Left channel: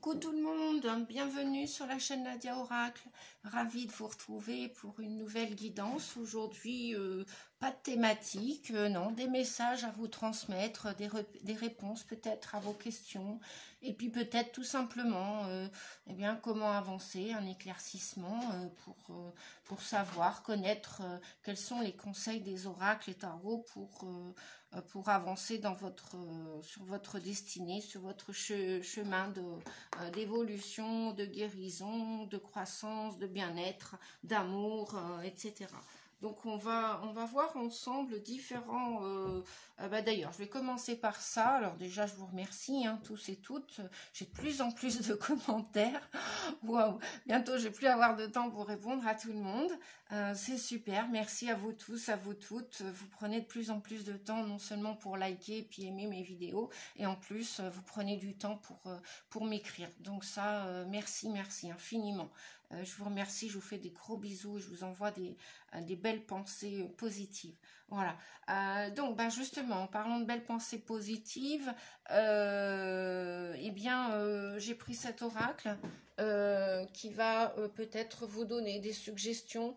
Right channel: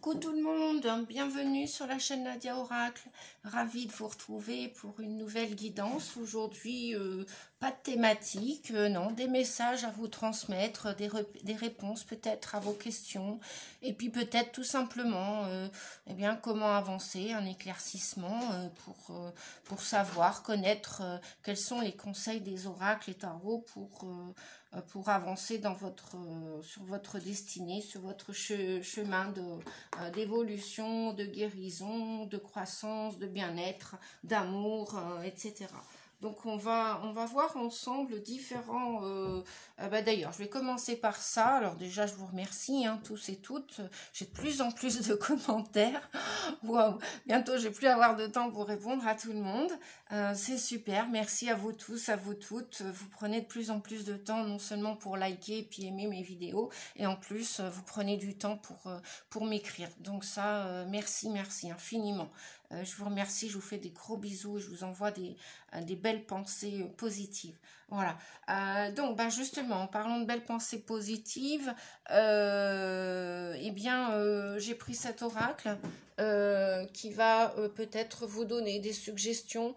Coucou tout le monde, bienvenue sur la chaîne Nadia Oracle, ravie de vous retrouver pour une nouvelle guidance. Aujourd'hui, pas de thématique, non, des messages à vous transmettre, des réponses peut-être à vos questions, et puis peut-être tout simplement eh bien, comment avancer, un éclaircissement pour savoir, connaître quels sont les conseils des oracles et tarots pour avancer dans sur votre destinée, sur votre chemin d'évolution, de guérison, de croissance, de bien-être, d'amour, etc. Donc on va voir ensemble différents... d'ailleurs, je vais commencer par ça. Alors déjà, je vous remercie, tous et toutes. J'ai de plus en plus de commentaires. Waouh, bientôt, je vais plus avoir de temps pour répondre à tout le monde. C'est super. Merci à vous tous, à vous toutes. Vous prenez de plus en plus de temps, non seulement pour liker et puis aimer mes vidéos, et en plus, vous prenez du temps pour m'écrire. Donc ça, merci infiniment. Je vous remercie, je vous fais des gros bisous et je vous envoie des belles pensées positives. Voilà. Donc, justement, en parlant de belles pensées positives, eh bien, j'ai pris cet oracle qui va peut-être vous donner des suggestions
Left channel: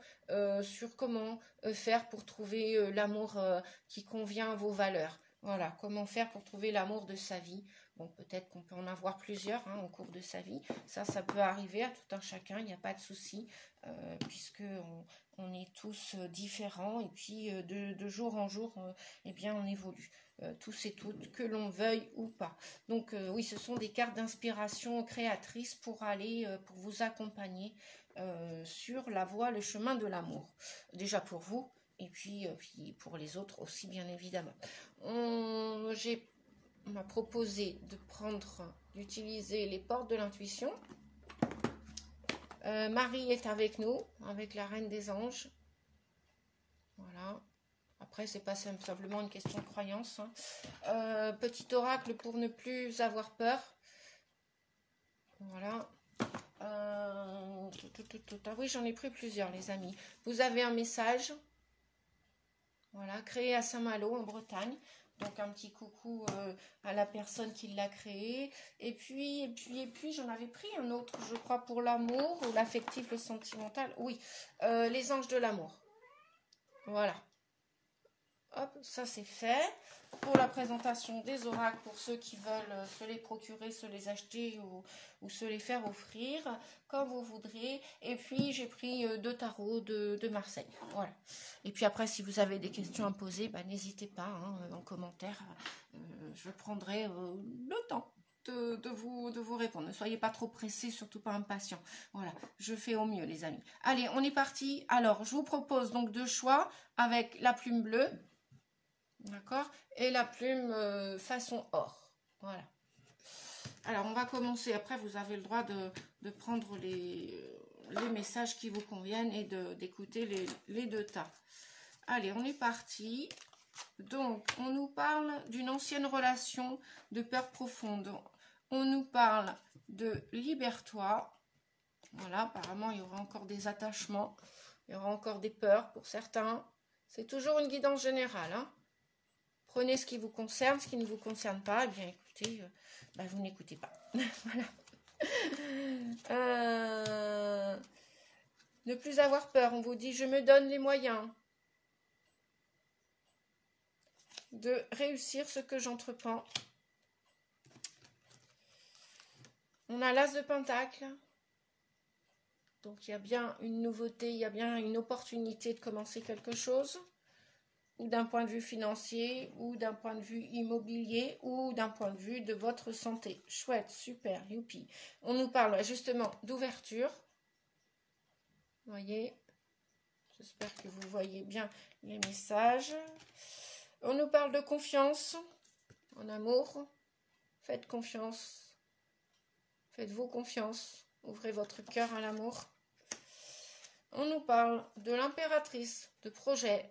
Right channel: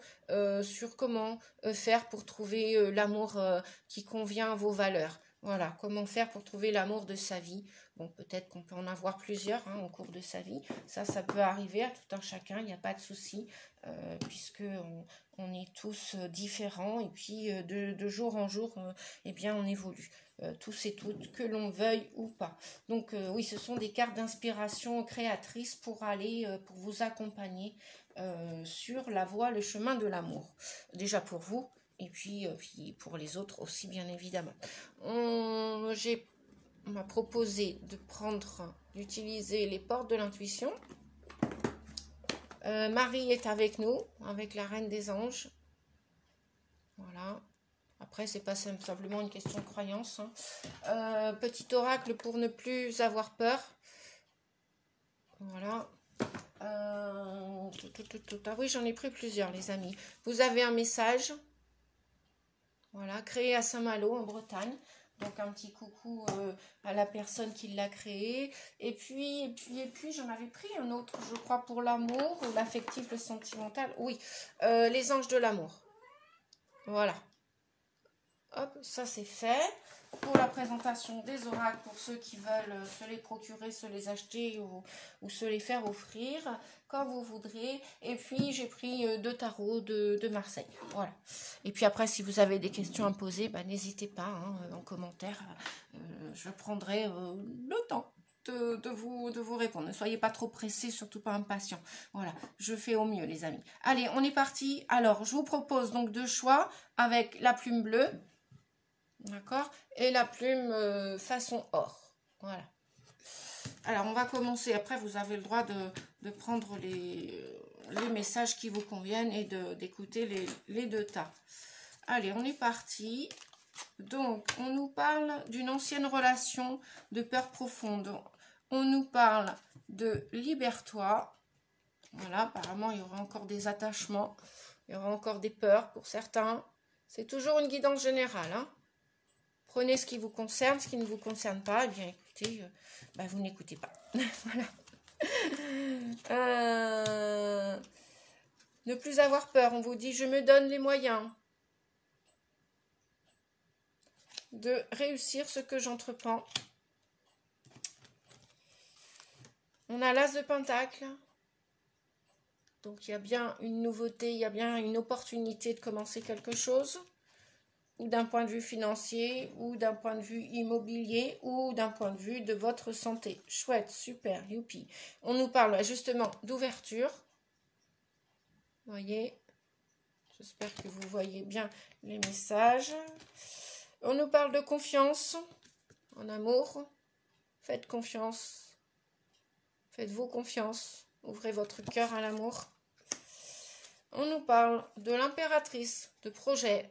sur comment faire pour trouver l'amour qui convient à vos valeurs. Voilà, comment faire pour trouver l'amour de sa vie. Bon, peut-être qu'on peut en avoir plusieurs au cours de sa vie. Ça peut arriver à tout un chacun, il n'y a pas de souci, puisque on est tous différents et puis de jour en jour, eh bien, on évolue. Tous et toutes, que l'on veuille ou pas. Donc, oui, ce sont des cartes d'inspiration créatrices pour vous accompagner sur la voie, le chemin de l'amour. Déjà pour vous, et puis pour les autres aussi, bien évidemment. On m'a proposé d'utiliser les portes de l'intuition. Marie est avec nous, avec la Reine des Anges. Voilà. Après, c'est pas simplement une question de croyance. Petit oracle pour ne plus avoir peur. Voilà. Ah oui, j'en ai pris plusieurs, les amis. Vous avez un message. Voilà, créé à Saint-Malo, en Bretagne. Donc, un petit coucou à la personne qui l'a créé. Et puis j'en avais pris un autre, je crois, pour l'amour, l'affectif, le sentimental. Oui, les anges de l'amour. Voilà. Hop, ça c'est fait. Pour la présentation des oracles, pour ceux qui veulent se les procurer, se les acheter ou se les faire offrir, quand vous voudrez. Et puis, j'ai pris deux tarots de Marseille. Voilà. Et puis après, si vous avez des questions à me poser, n'hésitez pas en commentaire. Je prendrai le temps de vous répondre. Ne soyez pas trop pressés, surtout pas impatients. Voilà, je fais au mieux, les amis. Allez, on est parti. Alors, je vous propose donc deux choix avec la plume bleue. D'accord? Et la plume façon or. Voilà. Alors, on va commencer. Après, vous avez le droit de prendre les messages qui vous conviennent et d'écouter les deux tas. Allez, on est parti. Donc, on nous parle d'une ancienne relation de peur profonde. On nous parle de libère-toi. Voilà, apparemment, il y aura encore des attachements. Il y aura encore des peurs pour certains. C'est toujours une guidance générale, Prenez ce qui vous concerne, ce qui ne vous concerne pas, eh bien écoutez, vous n'écoutez pas. Voilà. Ne plus avoir peur, on vous dit, je me donne les moyens de réussir ce que j'entreprends. On a l'As de Pentacle. Donc il y a bien une nouveauté, il y a bien une opportunité de commencer quelque chose. Ou d'un point de vue financier, ou d'un point de vue immobilier, ou d'un point de vue de votre santé. Chouette, super, youpi. On nous parle justement d'ouverture. Vous voyez, j'espère que vous voyez bien les messages. On nous parle de confiance en amour. Faites confiance. Faites-vous confiance. Ouvrez votre cœur à l'amour. On nous parle de l'impératrice, de projet,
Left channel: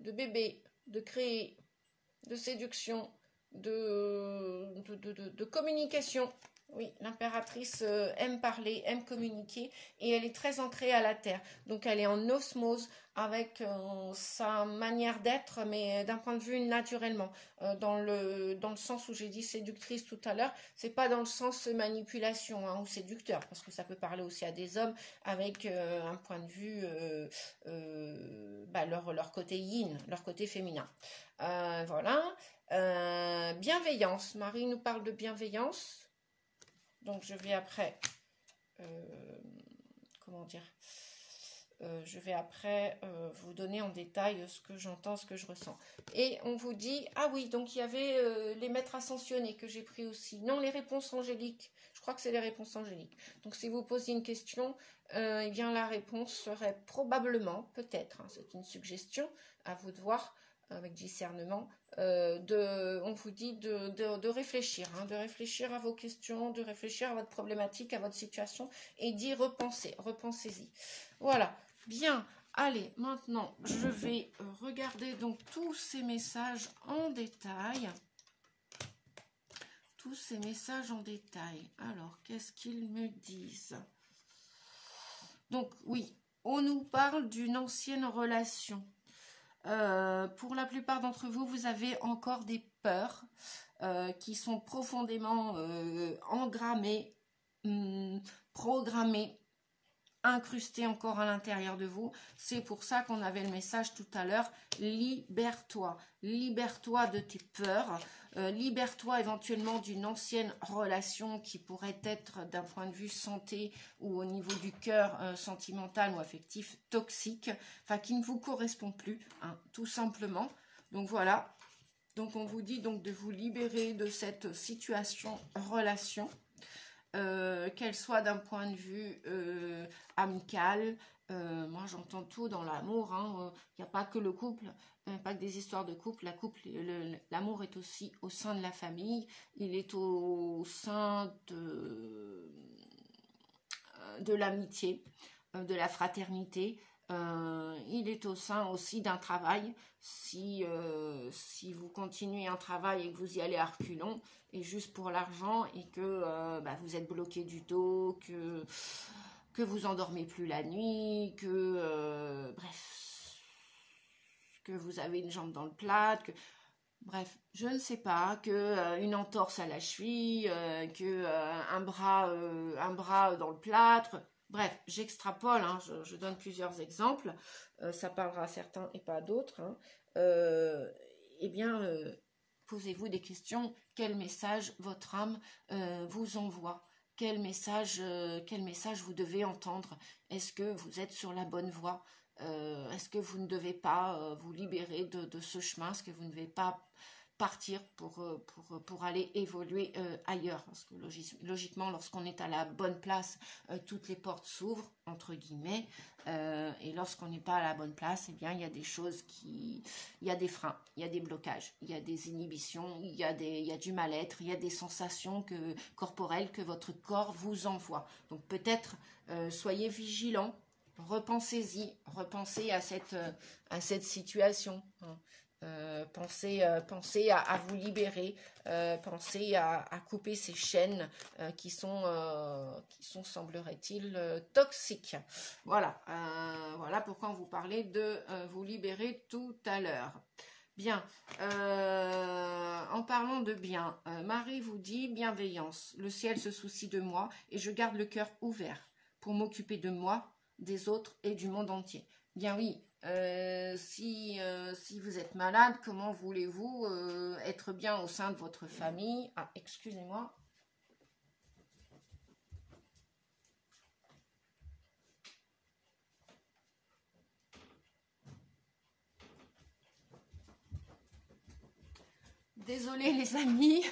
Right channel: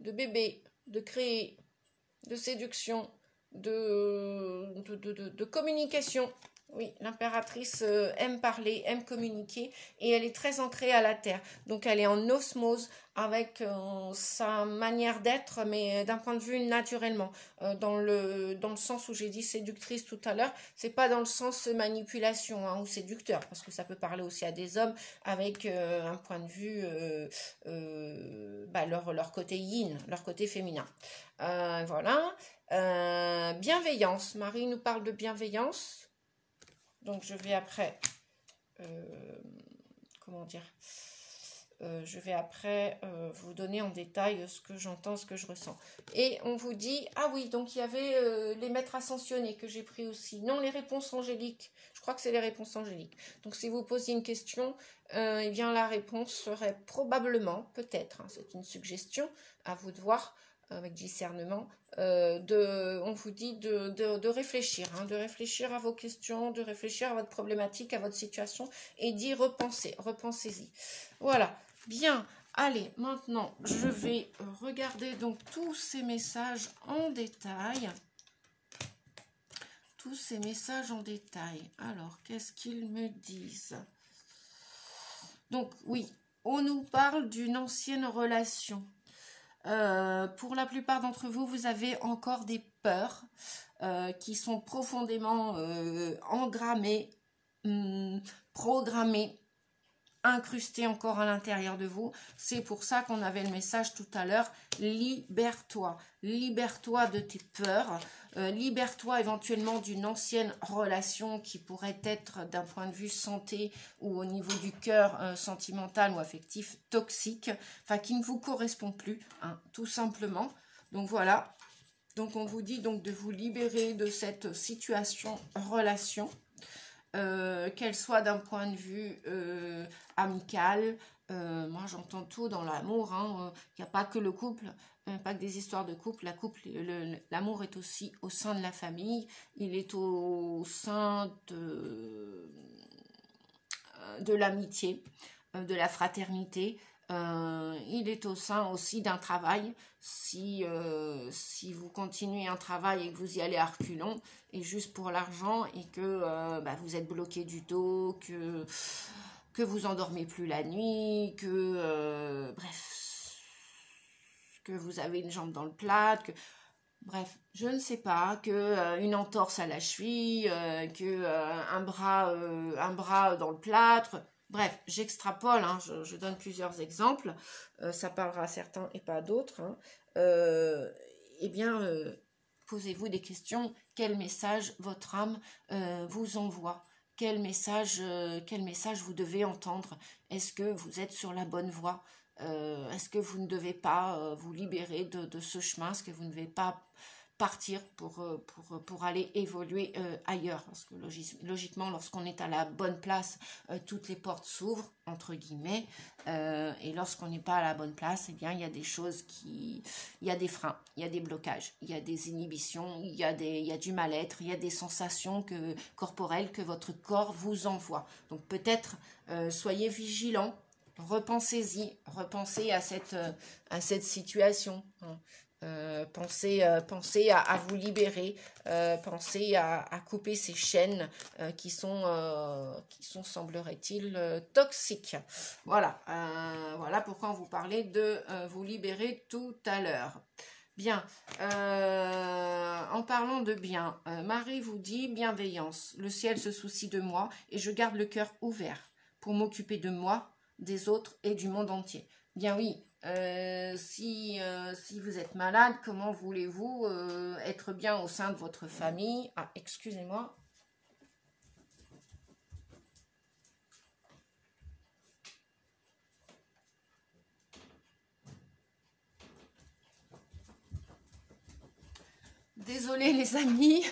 de bébé, de créer, de séduction, de communication. Oui, l'impératrice aime parler, aime communiquer et elle est très ancrée à la terre. Donc, elle est en osmose avec sa manière d'être, mais d'un point de vue naturellement. Dans le sens où j'ai dit séductrice tout à l'heure, c'est pas dans le sens manipulation hein, ou séducteur, parce que ça peut parler aussi à des hommes avec un point de vue, leur côté yin, leur côté féminin. Voilà. Bienveillance. Marie nous parle de bienveillance. Donc je vais après... comment dire, je vais après vous donner en détail ce que j'entends, ce que je ressens. Et on vous dit, ah oui, donc il y avait les maîtres ascensionnés que j'ai pris aussi. Non, les réponses angéliques. Je crois que c'est les réponses angéliques. Donc si vous posiez une question, eh bien la réponse serait probablement, peut-être, hein, c'est une suggestion, à vous de voir avec discernement. On vous dit de réfléchir, hein, de réfléchir à vos questions, de réfléchir à votre problématique, à votre situation et d'y repenser. Repensez-y. Voilà. Bien. Allez, maintenant, je vais regarder donc tous ces messages en détail. Tous ces messages en détail. Alors, qu'est-ce qu'ils me disent? Donc, oui, on nous parle d'une ancienne relation. Pour la plupart d'entre vous, vous avez encore des peurs qui sont profondément engrammées, programmées, incrustées encore à l'intérieur de vous. C'est pour ça qu'on avait le message tout à l'heure, libère-toi. Libère-toi de tes peurs. Libère-toi éventuellement d'une ancienne relation qui pourrait être d'un point de vue santé ou au niveau du cœur sentimental ou affectif toxique, enfin qui ne vous correspond plus, hein, tout simplement. Donc voilà, donc on vous dit donc de vous libérer de cette situation, relation, qu'elle soit d'un point de vue amical. Moi j'entends tout dans l'amour, hein, il n'y a pas que le couple, pas que des histoires de couple. L'amour est aussi au sein de la famille, il est au sein de l'amitié, de la fraternité, il est au sein aussi d'un travail. Si vous continuez un travail et que vous y allez à reculons et juste pour l'argent et que vous êtes bloqué du dos, que vous endormez plus la nuit, bref, que vous avez une jambe dans le plâtre, bref, je ne sais pas, une entorse à la cheville, un bras dans le plâtre. Bref, j'extrapole, hein, je donne plusieurs exemples, ça parlera à certains et pas à d'autres. Hein. Posez-vous des questions. Quel message votre âme vous envoie? Quel message vous devez entendre? Est-ce que vous êtes sur la bonne voie? Est-ce que vous ne devez pas vous libérer de ce chemin? Est-ce que vous ne devez pas partir pour aller évoluer ailleurs? Parce que logiquement, lorsqu'on est à la bonne place, toutes les portes s'ouvrent, entre guillemets, et lorsqu'on n'est pas à la bonne place, eh bien, il y a des choses il y a des freins, il y a des blocages, il y a des inhibitions, il y a du mal-être, il y a des sensations corporelles que votre corps vous envoie. Donc peut-être, soyez vigilants, repensez-y, repensez à cette situation, hein. Pensez à vous libérer, pensez à couper ces chaînes qui sont semblerait-il toxiques. Voilà, voilà pourquoi on vous parlait de vous libérer tout à l'heure. Bien, en parlant de bien, Marie vous dit bienveillance. Le ciel se soucie de moi et je garde le cœur ouvert pour m'occuper de moi, des autres et du monde entier. Bien oui. Si vous êtes malade, comment voulez-vous être bien au sein de votre famille? Ah, excusez-moi. Désolée les amis.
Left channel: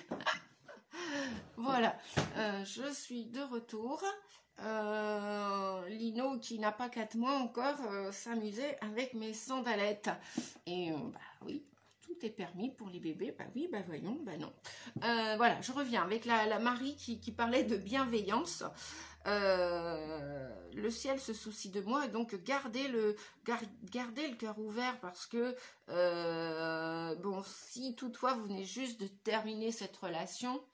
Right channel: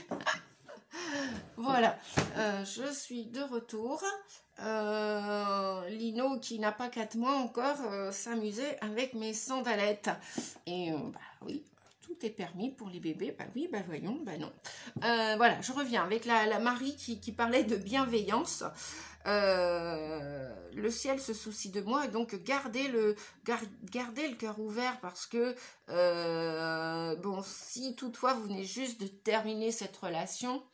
Voilà, je suis de retour. Lino, qui n'a pas 4 mois encore, s'amusait avec mes sandalettes. Et oui, tout est permis pour les bébés. Bah oui, bah voyons, bah non. Voilà, je reviens avec la Marie qui parlait de bienveillance. Le ciel se soucie de moi et donc gardez le cœur ouvert parce que bon, si toutefois vous venez juste de terminer cette relation,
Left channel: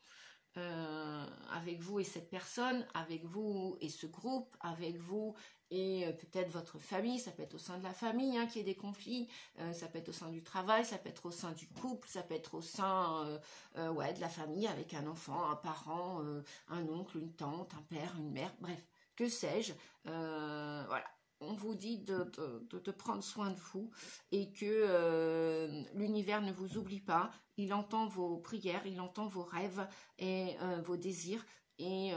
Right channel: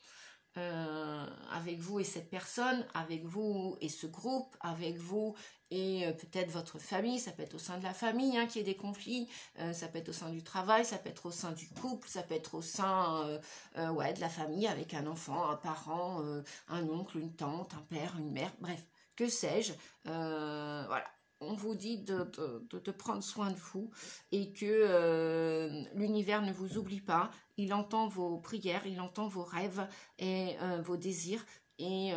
avec vous et cette personne, avec vous et ce groupe, avec vous et peut-être votre famille. Ça peut être au sein de la famille qu'il y ait des conflits, ça peut être au sein du travail, ça peut être au sein du couple, ça peut être au sein de la famille avec un enfant, un parent, un oncle, une tante, un père, une mère, bref, que sais-je. Voilà. On vous dit de prendre soin de vous et que l'univers ne vous oublie pas. Il entend vos prières, il entend vos rêves et vos désirs. Et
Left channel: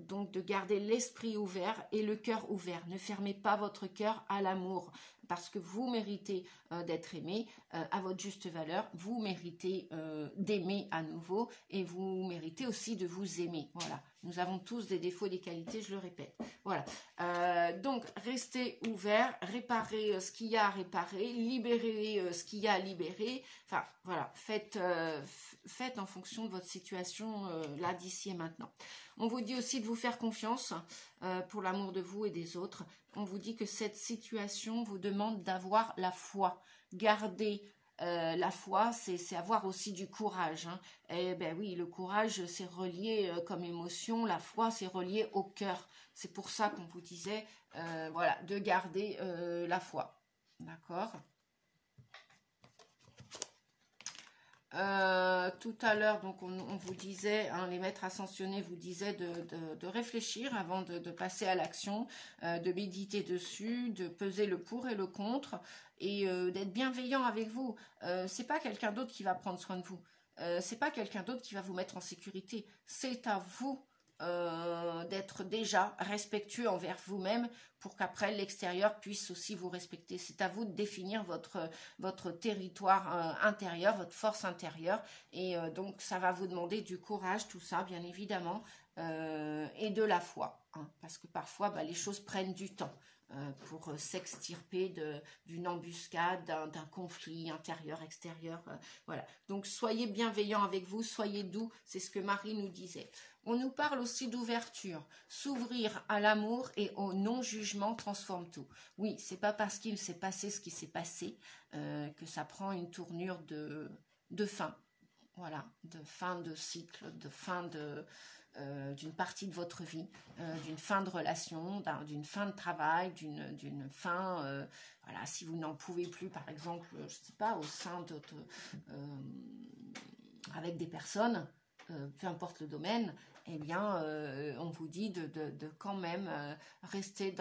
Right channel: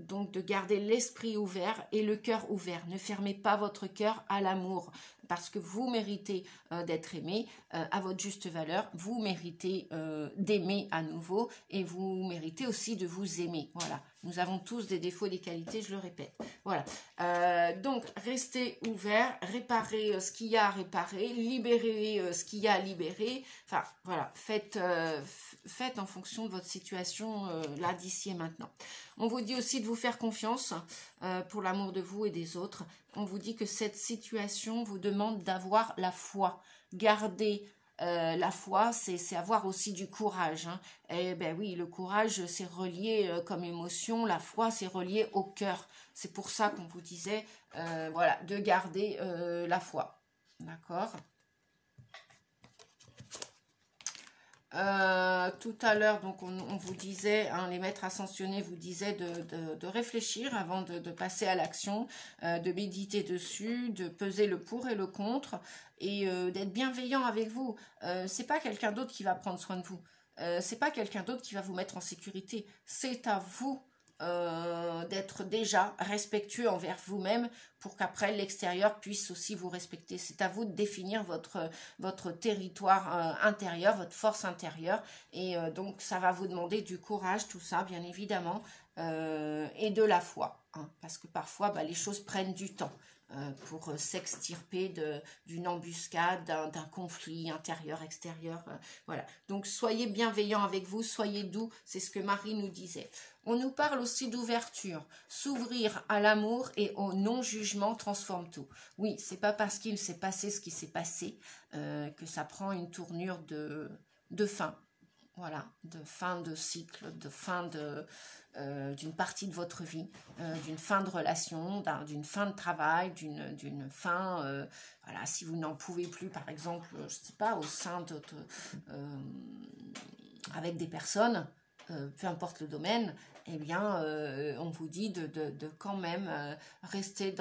donc de garder l'esprit ouvert et le cœur ouvert. Ne fermez pas votre cœur à l'amour parce que vous méritez d'être aimé à votre juste valeur. Vous méritez d'aimer à nouveau et vous méritez aussi de vous aimer. Voilà. Nous avons tous des défauts et des qualités, je le répète. Voilà. Donc, restez ouverts, réparez ce qu'il y a à réparer, libérez ce qu'il y a à libérer. Enfin, voilà. Faites en fonction de votre situation là, d'ici et maintenant. On vous dit aussi de vous faire confiance pour l'amour de vous et des autres. On vous dit que cette situation vous demande d'avoir la foi. Gardez la foi, c'est avoir aussi du courage. Et ben oui, le courage, c'est relié comme émotion. La foi, c'est relié au cœur. C'est pour ça qu'on vous disait, voilà, de garder la foi. D'accord ? Tout à l'heure, donc on vous disait, les maîtres ascensionnés vous disaient de réfléchir avant de passer à l'action, de méditer dessus, de peser le pour et le contre et d'être bienveillant avec vous. C'est pas quelqu'un d'autre qui va prendre soin de vous. C'est pas quelqu'un d'autre qui va vous mettre en sécurité. C'est à vous d'être déjà respectueux envers vous-même pour qu'après l'extérieur puisse aussi vous respecter. C'est à vous de définir votre territoire intérieur, votre force intérieure et donc ça va vous demander du courage, tout ça bien évidemment et de la foi parce que parfois les choses prennent du temps pour s'extirper d'une embuscade, d'un conflit intérieur, extérieur. Voilà. Donc soyez bienveillants avec vous, soyez doux, c'est ce que Marie nous disait. On nous parle aussi d'ouverture. S'ouvrir à l'amour et au non-jugement transforme tout. Oui, c'est pas parce qu'il s'est passé ce qui s'est passé que ça prend une tournure de fin. Voilà, de fin de cycle, de fin d'une partie de votre vie, d'une fin de relation, d'une fin de travail, d'une fin, voilà, si vous n'en pouvez plus, par exemple, je sais pas, au sein avec des personnes, peu importe le domaine, eh bien, on vous dit de quand même rester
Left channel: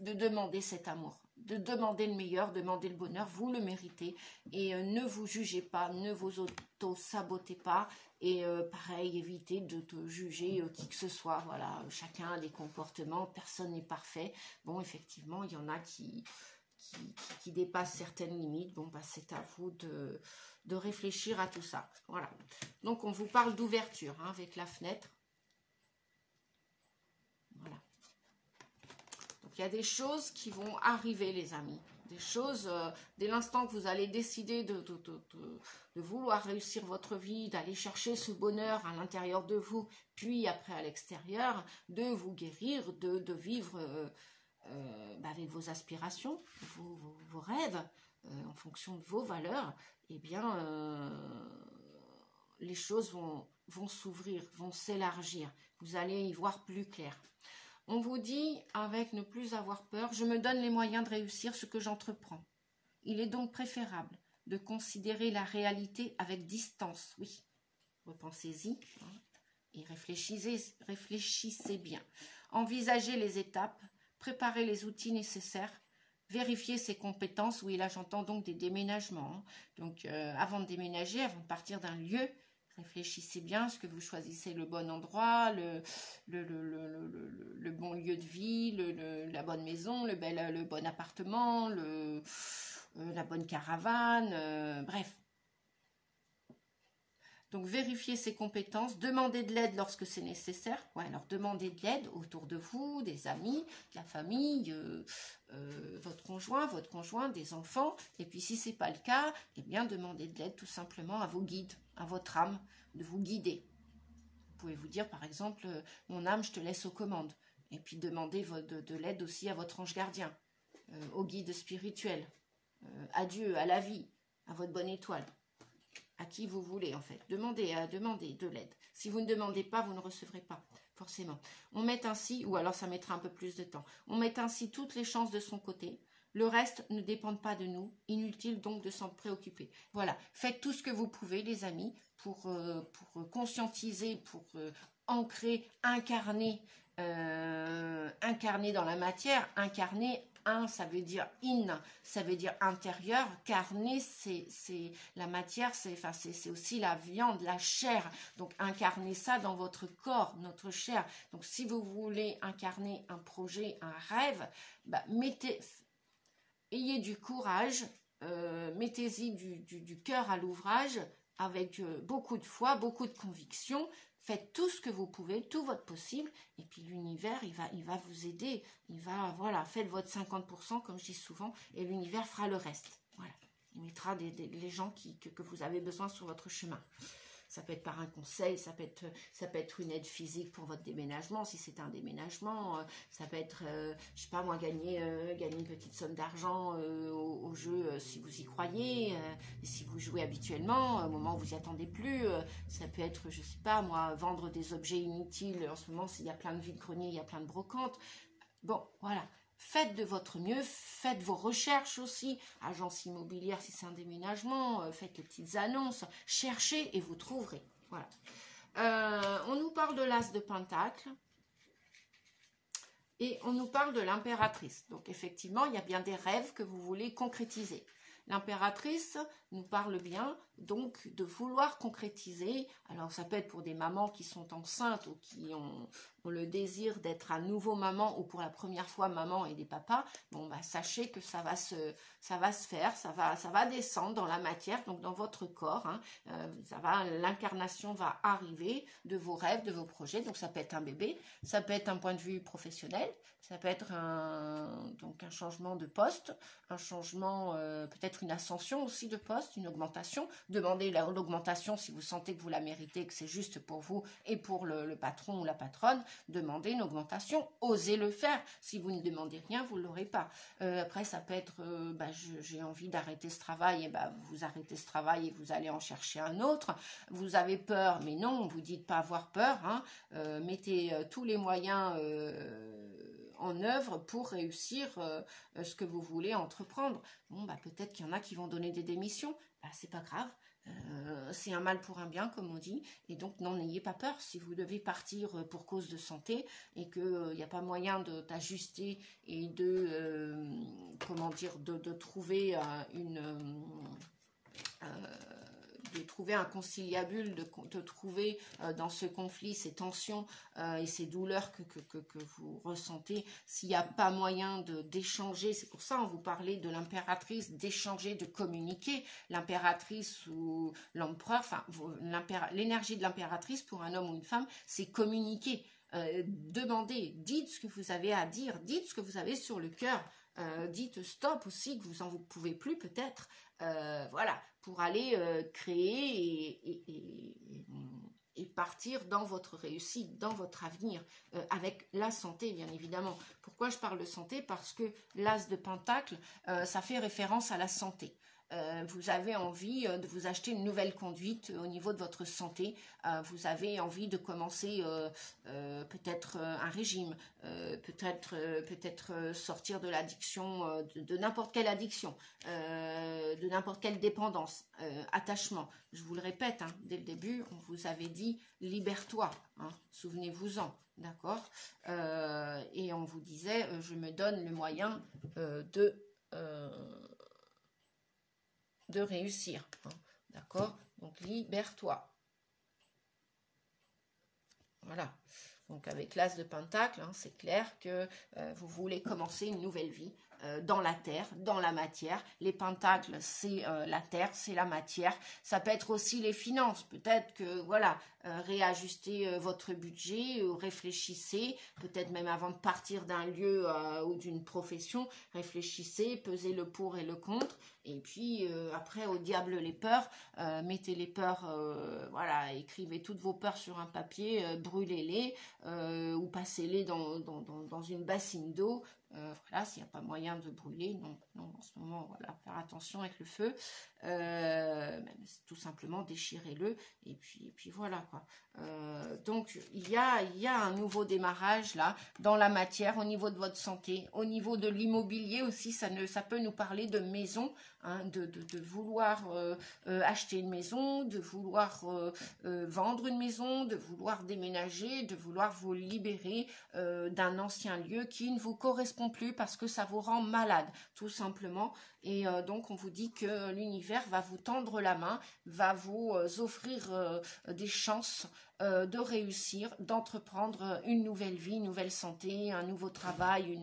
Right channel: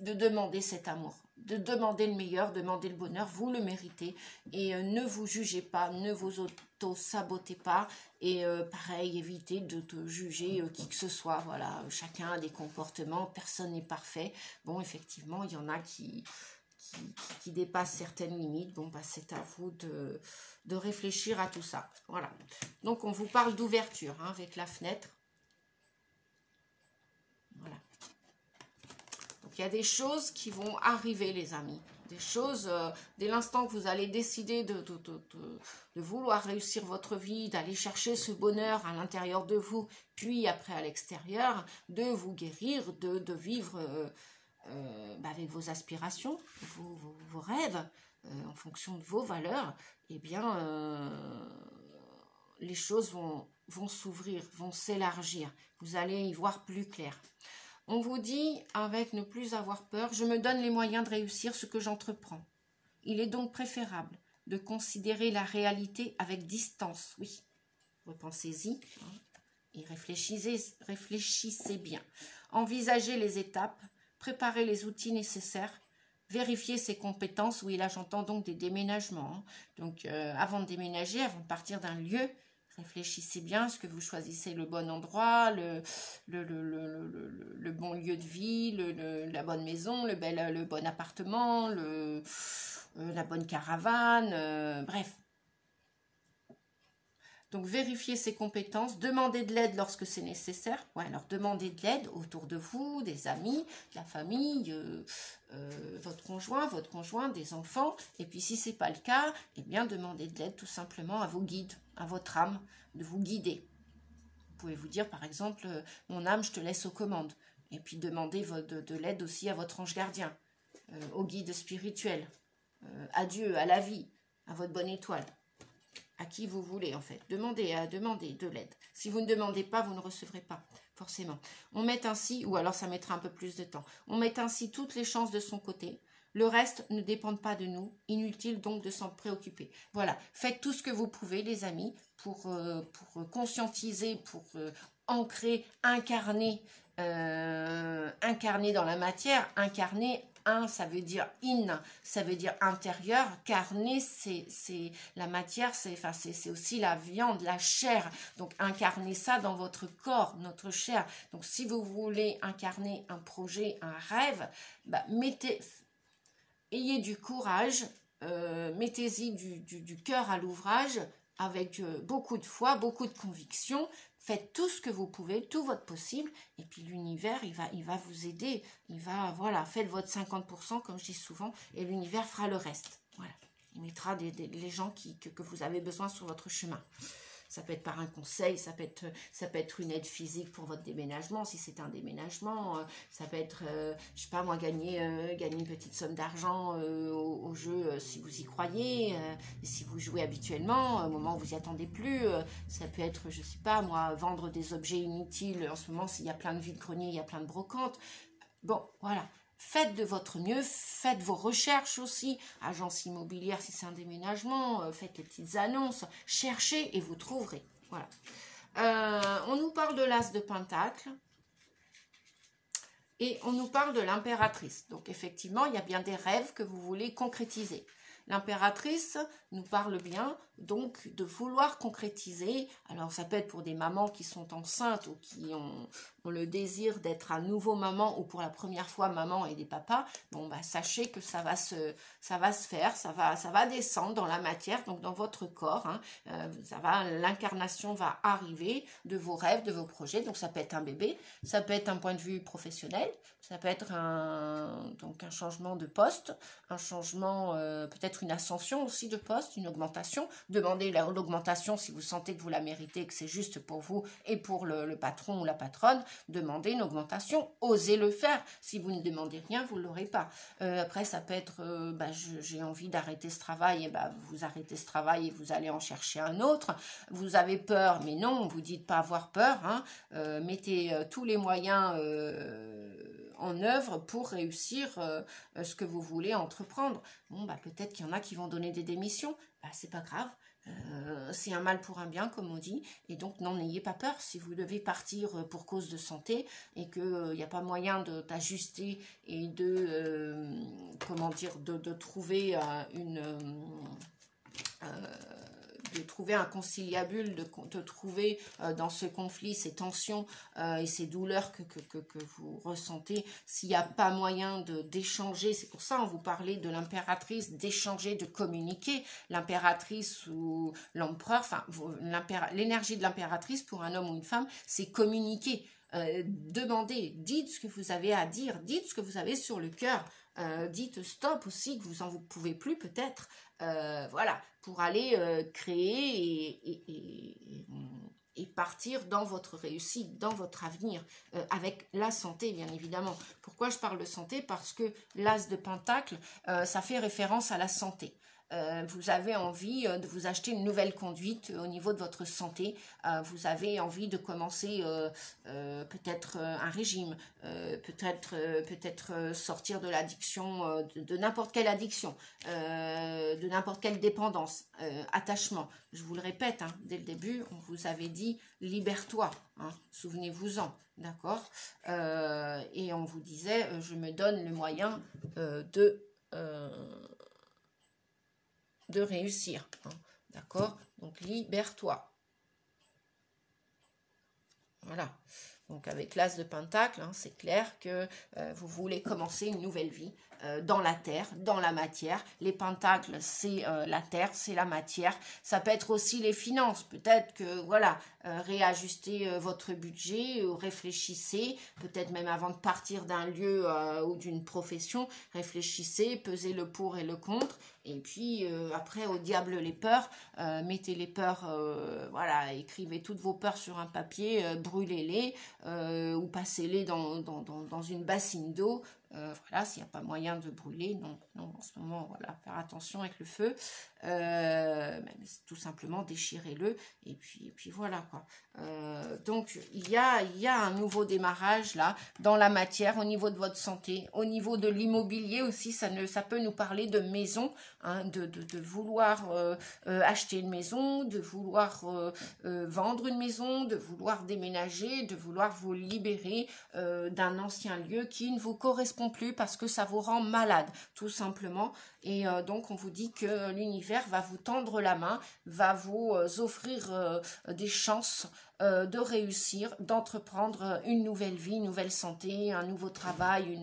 de demander cet amour, de demander le meilleur, demander le bonheur, vous le méritez et ne vous jugez pas, ne vous auto-sabotez pas et pareil, évitez de te juger qui que ce soit, voilà, chacun a des comportements, personne n'est parfait, bon, effectivement, il y en a qui dépassent certaines limites, bon, c'est à vous de réfléchir à tout ça, voilà, donc on vous parle d'ouverture avec la fenêtre, voilà. Il y a des choses qui vont arriver, les amis. Des choses, dès l'instant que vous allez décider de vouloir réussir votre vie, d'aller chercher ce bonheur à l'intérieur de vous, puis après à l'extérieur, de vous guérir, de vivre avec vos aspirations, vos rêves, en fonction de vos valeurs, eh bien, les choses vont s'ouvrir, vont s'élargir. Vous allez y voir plus clair. On vous dit, avec ne plus avoir peur, je me donne les moyens de réussir ce que j'entreprends. Il est donc préférable de considérer la réalité avec distance. Oui, repensez-y et réfléchissez bien. Envisagez les étapes, préparez les outils nécessaires, vérifiez ses compétences. Oui, là j'entends donc des déménagements. Donc avant de déménager, avant de partir d'un lieu, réfléchissez bien, est-ce que vous choisissez le bon endroit, le bon lieu de vie, la bonne maison, le bon appartement, la bonne caravane, bref. Donc, vérifiez ses compétences, demandez de l'aide lorsque c'est nécessaire. Ouais, alors, demandez de l'aide autour de vous, des amis, de la famille, votre conjoint, des enfants. Et puis, si ce n'est pas le cas, eh bien, demandez de l'aide tout simplement à vos guides, à votre âme, de vous guider. Vous pouvez vous dire, par exemple, mon âme, je te laisse aux commandes. Et puis, demandez de l'aide aussi à votre ange gardien, au guide spirituel, à Dieu, à la vie, à votre bonne étoile. à qui vous voulez en fait. Demandez de l'aide. Si vous ne demandez pas, vous ne recevrez pas, forcément. On met ainsi, ou alors ça mettra un peu plus de temps, on met ainsi toutes les chances de son côté. Le reste ne dépend pas de nous. Inutile donc de s'en préoccuper. Voilà, faites tout ce que vous pouvez les amis pour conscientiser, pour ancrer, incarner dans la matière. Incarner, ça veut dire ça veut dire intérieur. Carner, c'est la matière, c'est aussi la viande, la chair. Donc incarner ça dans votre corps, notre chair. Donc si vous voulez incarner un projet, un rêve, bah, ayez du courage, mettez-y du cœur à l'ouvrage, avec beaucoup de foi, beaucoup de conviction. Faites tout ce que vous pouvez, tout votre possible, et puis l'univers, il va vous aider. Voilà, faites votre 50%, comme je dis souvent, et l'univers fera le reste. Voilà, il mettra les gens que vous avez besoin sur votre chemin. Ça peut être par un conseil, ça peut être une aide physique pour votre déménagement, si c'est un déménagement. Ça peut être, je sais pas moi, gagner une petite somme d'argent au jeu si vous y croyez. Et si vous jouez habituellement, au moment où vous n'y attendez plus. Ça peut être, je sais pas moi, vendre des objets inutiles. En ce moment, s'il y a plein de vides-greniers, il y a plein de brocantes. Bon, voilà. Faites de votre mieux, faites vos recherches aussi, agence immobilière si c'est un déménagement, faites les petites annonces, cherchez et vous trouverez. Voilà. On nous parle de l'as de Pentacle et on nous parle de l'impératrice. Donc effectivement, il y a bien des rêves que vous voulez concrétiser. L'impératrice nous parle bien donc de vouloir concrétiser. Alors ça peut être pour des mamans qui sont enceintes ou qui ont le désir d'être à nouveau maman ou pour la première fois maman et des papas. Bon bah sachez que ça va se faire, ça va descendre dans la matière, donc dans votre corps. Hein. L'incarnation va arriver de vos rêves, de vos projets. Donc ça peut être un bébé, ça peut être un point de vue professionnel. Ça peut être un changement de poste, un changement, peut-être une ascension aussi de poste, une augmentation. Demandez l'augmentation si vous sentez que vous la méritez, que c'est juste pour vous et pour le patron ou la patronne. Demandez une augmentation, osez le faire. Si vous ne demandez rien, vous ne l'aurez pas. Après, ça peut être, j'ai envie d'arrêter ce travail, et vous arrêtez ce travail et vous allez en chercher un autre. Vous avez peur, mais non, vous dites pas avoir peur. Hein. Mettez tous les moyens en œuvre pour réussir ce que vous voulez entreprendre. Bon, peut-être qu'il y en a qui vont donner des démissions. C'est pas grave. C'est un mal pour un bien, comme on dit. Et donc, n'ayez pas peur. Si vous devez partir pour cause de santé et qu'il n'y a pas moyen d'ajuster et de trouver de trouver un conciliabule, de trouver dans ce conflit ces tensions et ces douleurs que vous ressentez, s'il n'y a pas moyen d'échanger, c'est pour ça on vous parlait de l'impératrice, d'échanger, de communiquer. L'impératrice ou l'empereur, enfin l'énergie de l'impératrice pour un homme ou une femme, c'est communiquer. Demandez, dites ce que vous avez à dire, dites ce que vous avez sur le cœur, dites stop aussi, que vous n'en pouvez plus peut-être, voilà, pour aller créer et partir dans votre réussite, dans votre avenir, avec la santé bien évidemment. Pourquoi je parle de santé? Parce que l'as de Pentacle, ça fait référence à la santé. Vous avez envie de vous acheter une nouvelle conduite au niveau de votre santé, vous avez envie de commencer peut-être un régime, peut-être sortir de l'addiction, de n'importe quelle addiction, de n'importe quelle dépendance, attachement. Je vous le répète, hein, dès le début, on vous avait dit libère-toi, hein, souvenez-vous-en, d'accord, et on vous disait je me donne le moyen de réussir, hein, d'accord, donc libère-toi. Voilà, donc avec l'as de Pentacle, hein, c'est clair que vous voulez commencer une nouvelle vie dans la terre, dans la matière. Les pentacles, c'est la terre, c'est la matière. Ça peut être aussi les finances, peut-être que, voilà, réajuster votre budget, réfléchissez, peut-être même avant de partir d'un lieu ou d'une profession, réfléchissez, pesez le pour et le contre, et puis après, au diable les peurs, mettez les peurs, voilà, écrivez toutes vos peurs sur un papier, brûlez-les, ou passez-les dans une bassine d'eau, Voilà, s'il n'y a pas moyen de brûler, non, non, en ce moment, voilà, faire attention avec le feu. Tout simplement déchirez-le et puis voilà quoi. Donc il y a un nouveau démarrage là dans la matière au niveau de votre santé, au niveau de l'immobilier aussi. Ça peut nous parler de maison, hein, de vouloir acheter une maison, de vouloir vendre une maison, de vouloir déménager, de vouloir vous libérer d'un ancien lieu qui ne vous correspond plus parce que ça vous rend malade tout simplement. Et donc on vous dit que l'univers va vous tendre la main, va vous offrir des chances de réussir, d'entreprendre une nouvelle vie, une nouvelle santé, un nouveau travail,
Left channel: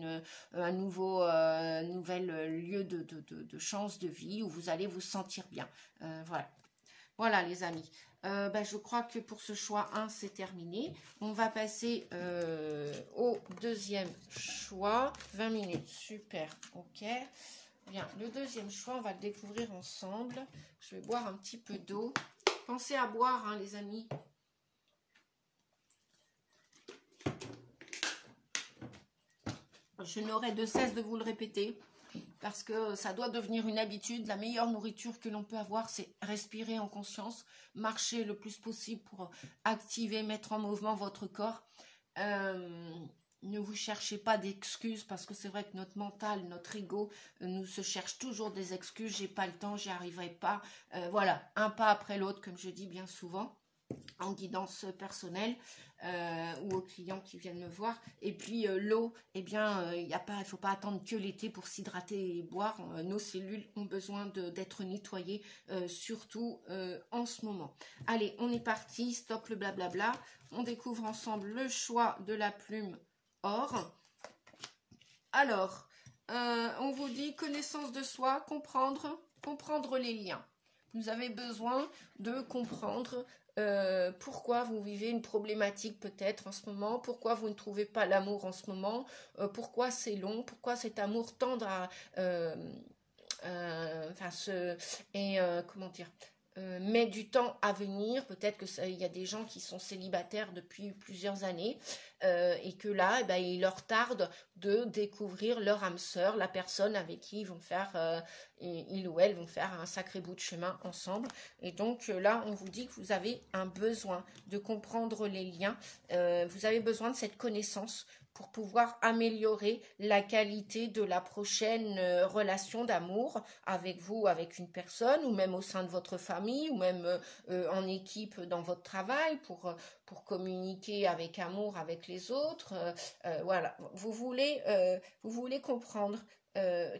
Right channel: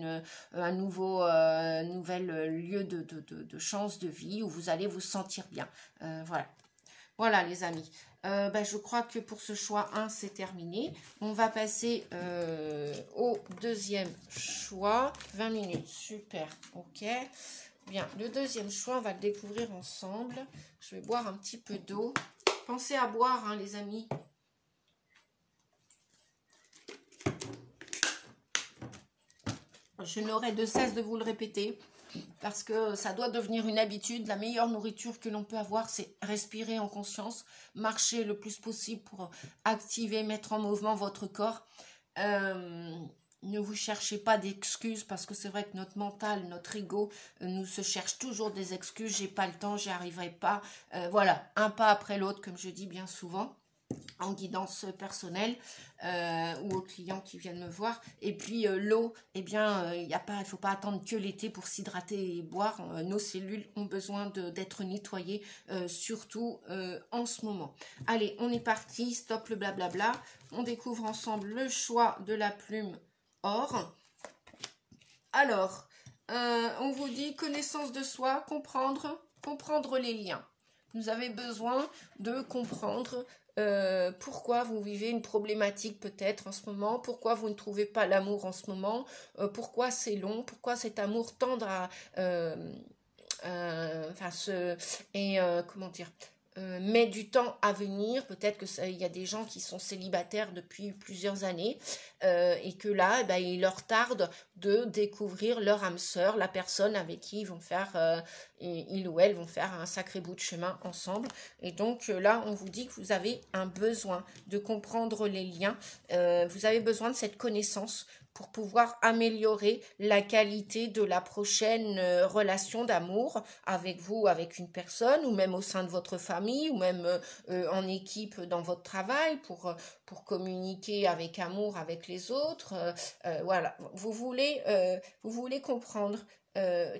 un nouvel lieu de chance de vie où vous allez vous sentir bien. Voilà. Voilà les amis. Je crois que pour ce choix 1, c'est terminé. On va passer au deuxième choix. 20 minutes, super, ok. Bien, le deuxième choix, on va le découvrir ensemble. Je vais boire un petit peu d'eau. Pensez à boire, hein, les amis. Je n'aurai de cesse de vous le répéter parce que ça doit devenir une habitude. La meilleure nourriture que l'on peut avoir, c'est respirer en conscience, marcher le plus possible pour activer, mettre en mouvement votre corps. Ne vous cherchez pas d'excuses parce que c'est vrai que notre mental, notre ego nous se cherche toujours des excuses. J'ai pas le temps, j'y arriverai pas. Voilà, un pas après l'autre, comme je dis bien souvent en guidance personnelle ou aux clients qui viennent me voir. Et puis l'eau, eh bien, il faut pas attendre que l'été pour s'hydrater et boire. Nos cellules ont besoin d'être nettoyées, surtout en ce moment. Allez, on est parti, stop le blablabla. On découvre ensemble le choix de la plume or. Alors, on vous dit connaissance de soi, comprendre les liens. Vous avez besoin de comprendre pourquoi vous vivez une problématique peut-être en ce moment, pourquoi vous ne trouvez pas l'amour en ce moment, pourquoi c'est long, pourquoi cet amour tendre à comment dire, met du temps à venir. Peut-être qu'il y a des gens qui sont célibataires depuis plusieurs années et que là, il leur tarde de découvrir leur âme sœur, la personne avec qui ils vont faire, ils ou elles vont faire un sacré bout de chemin ensemble. Et donc là, on vous dit que vous avez un besoin de comprendre les liens. Vous avez besoin de cette connaissance pour pouvoir améliorer la qualité de la prochaine relation d'amour avec vous, avec une personne, ou même au sein de votre famille, ou même en équipe dans votre travail, pour communiquer avec amour avec les autres. Voilà, vous voulez comprendre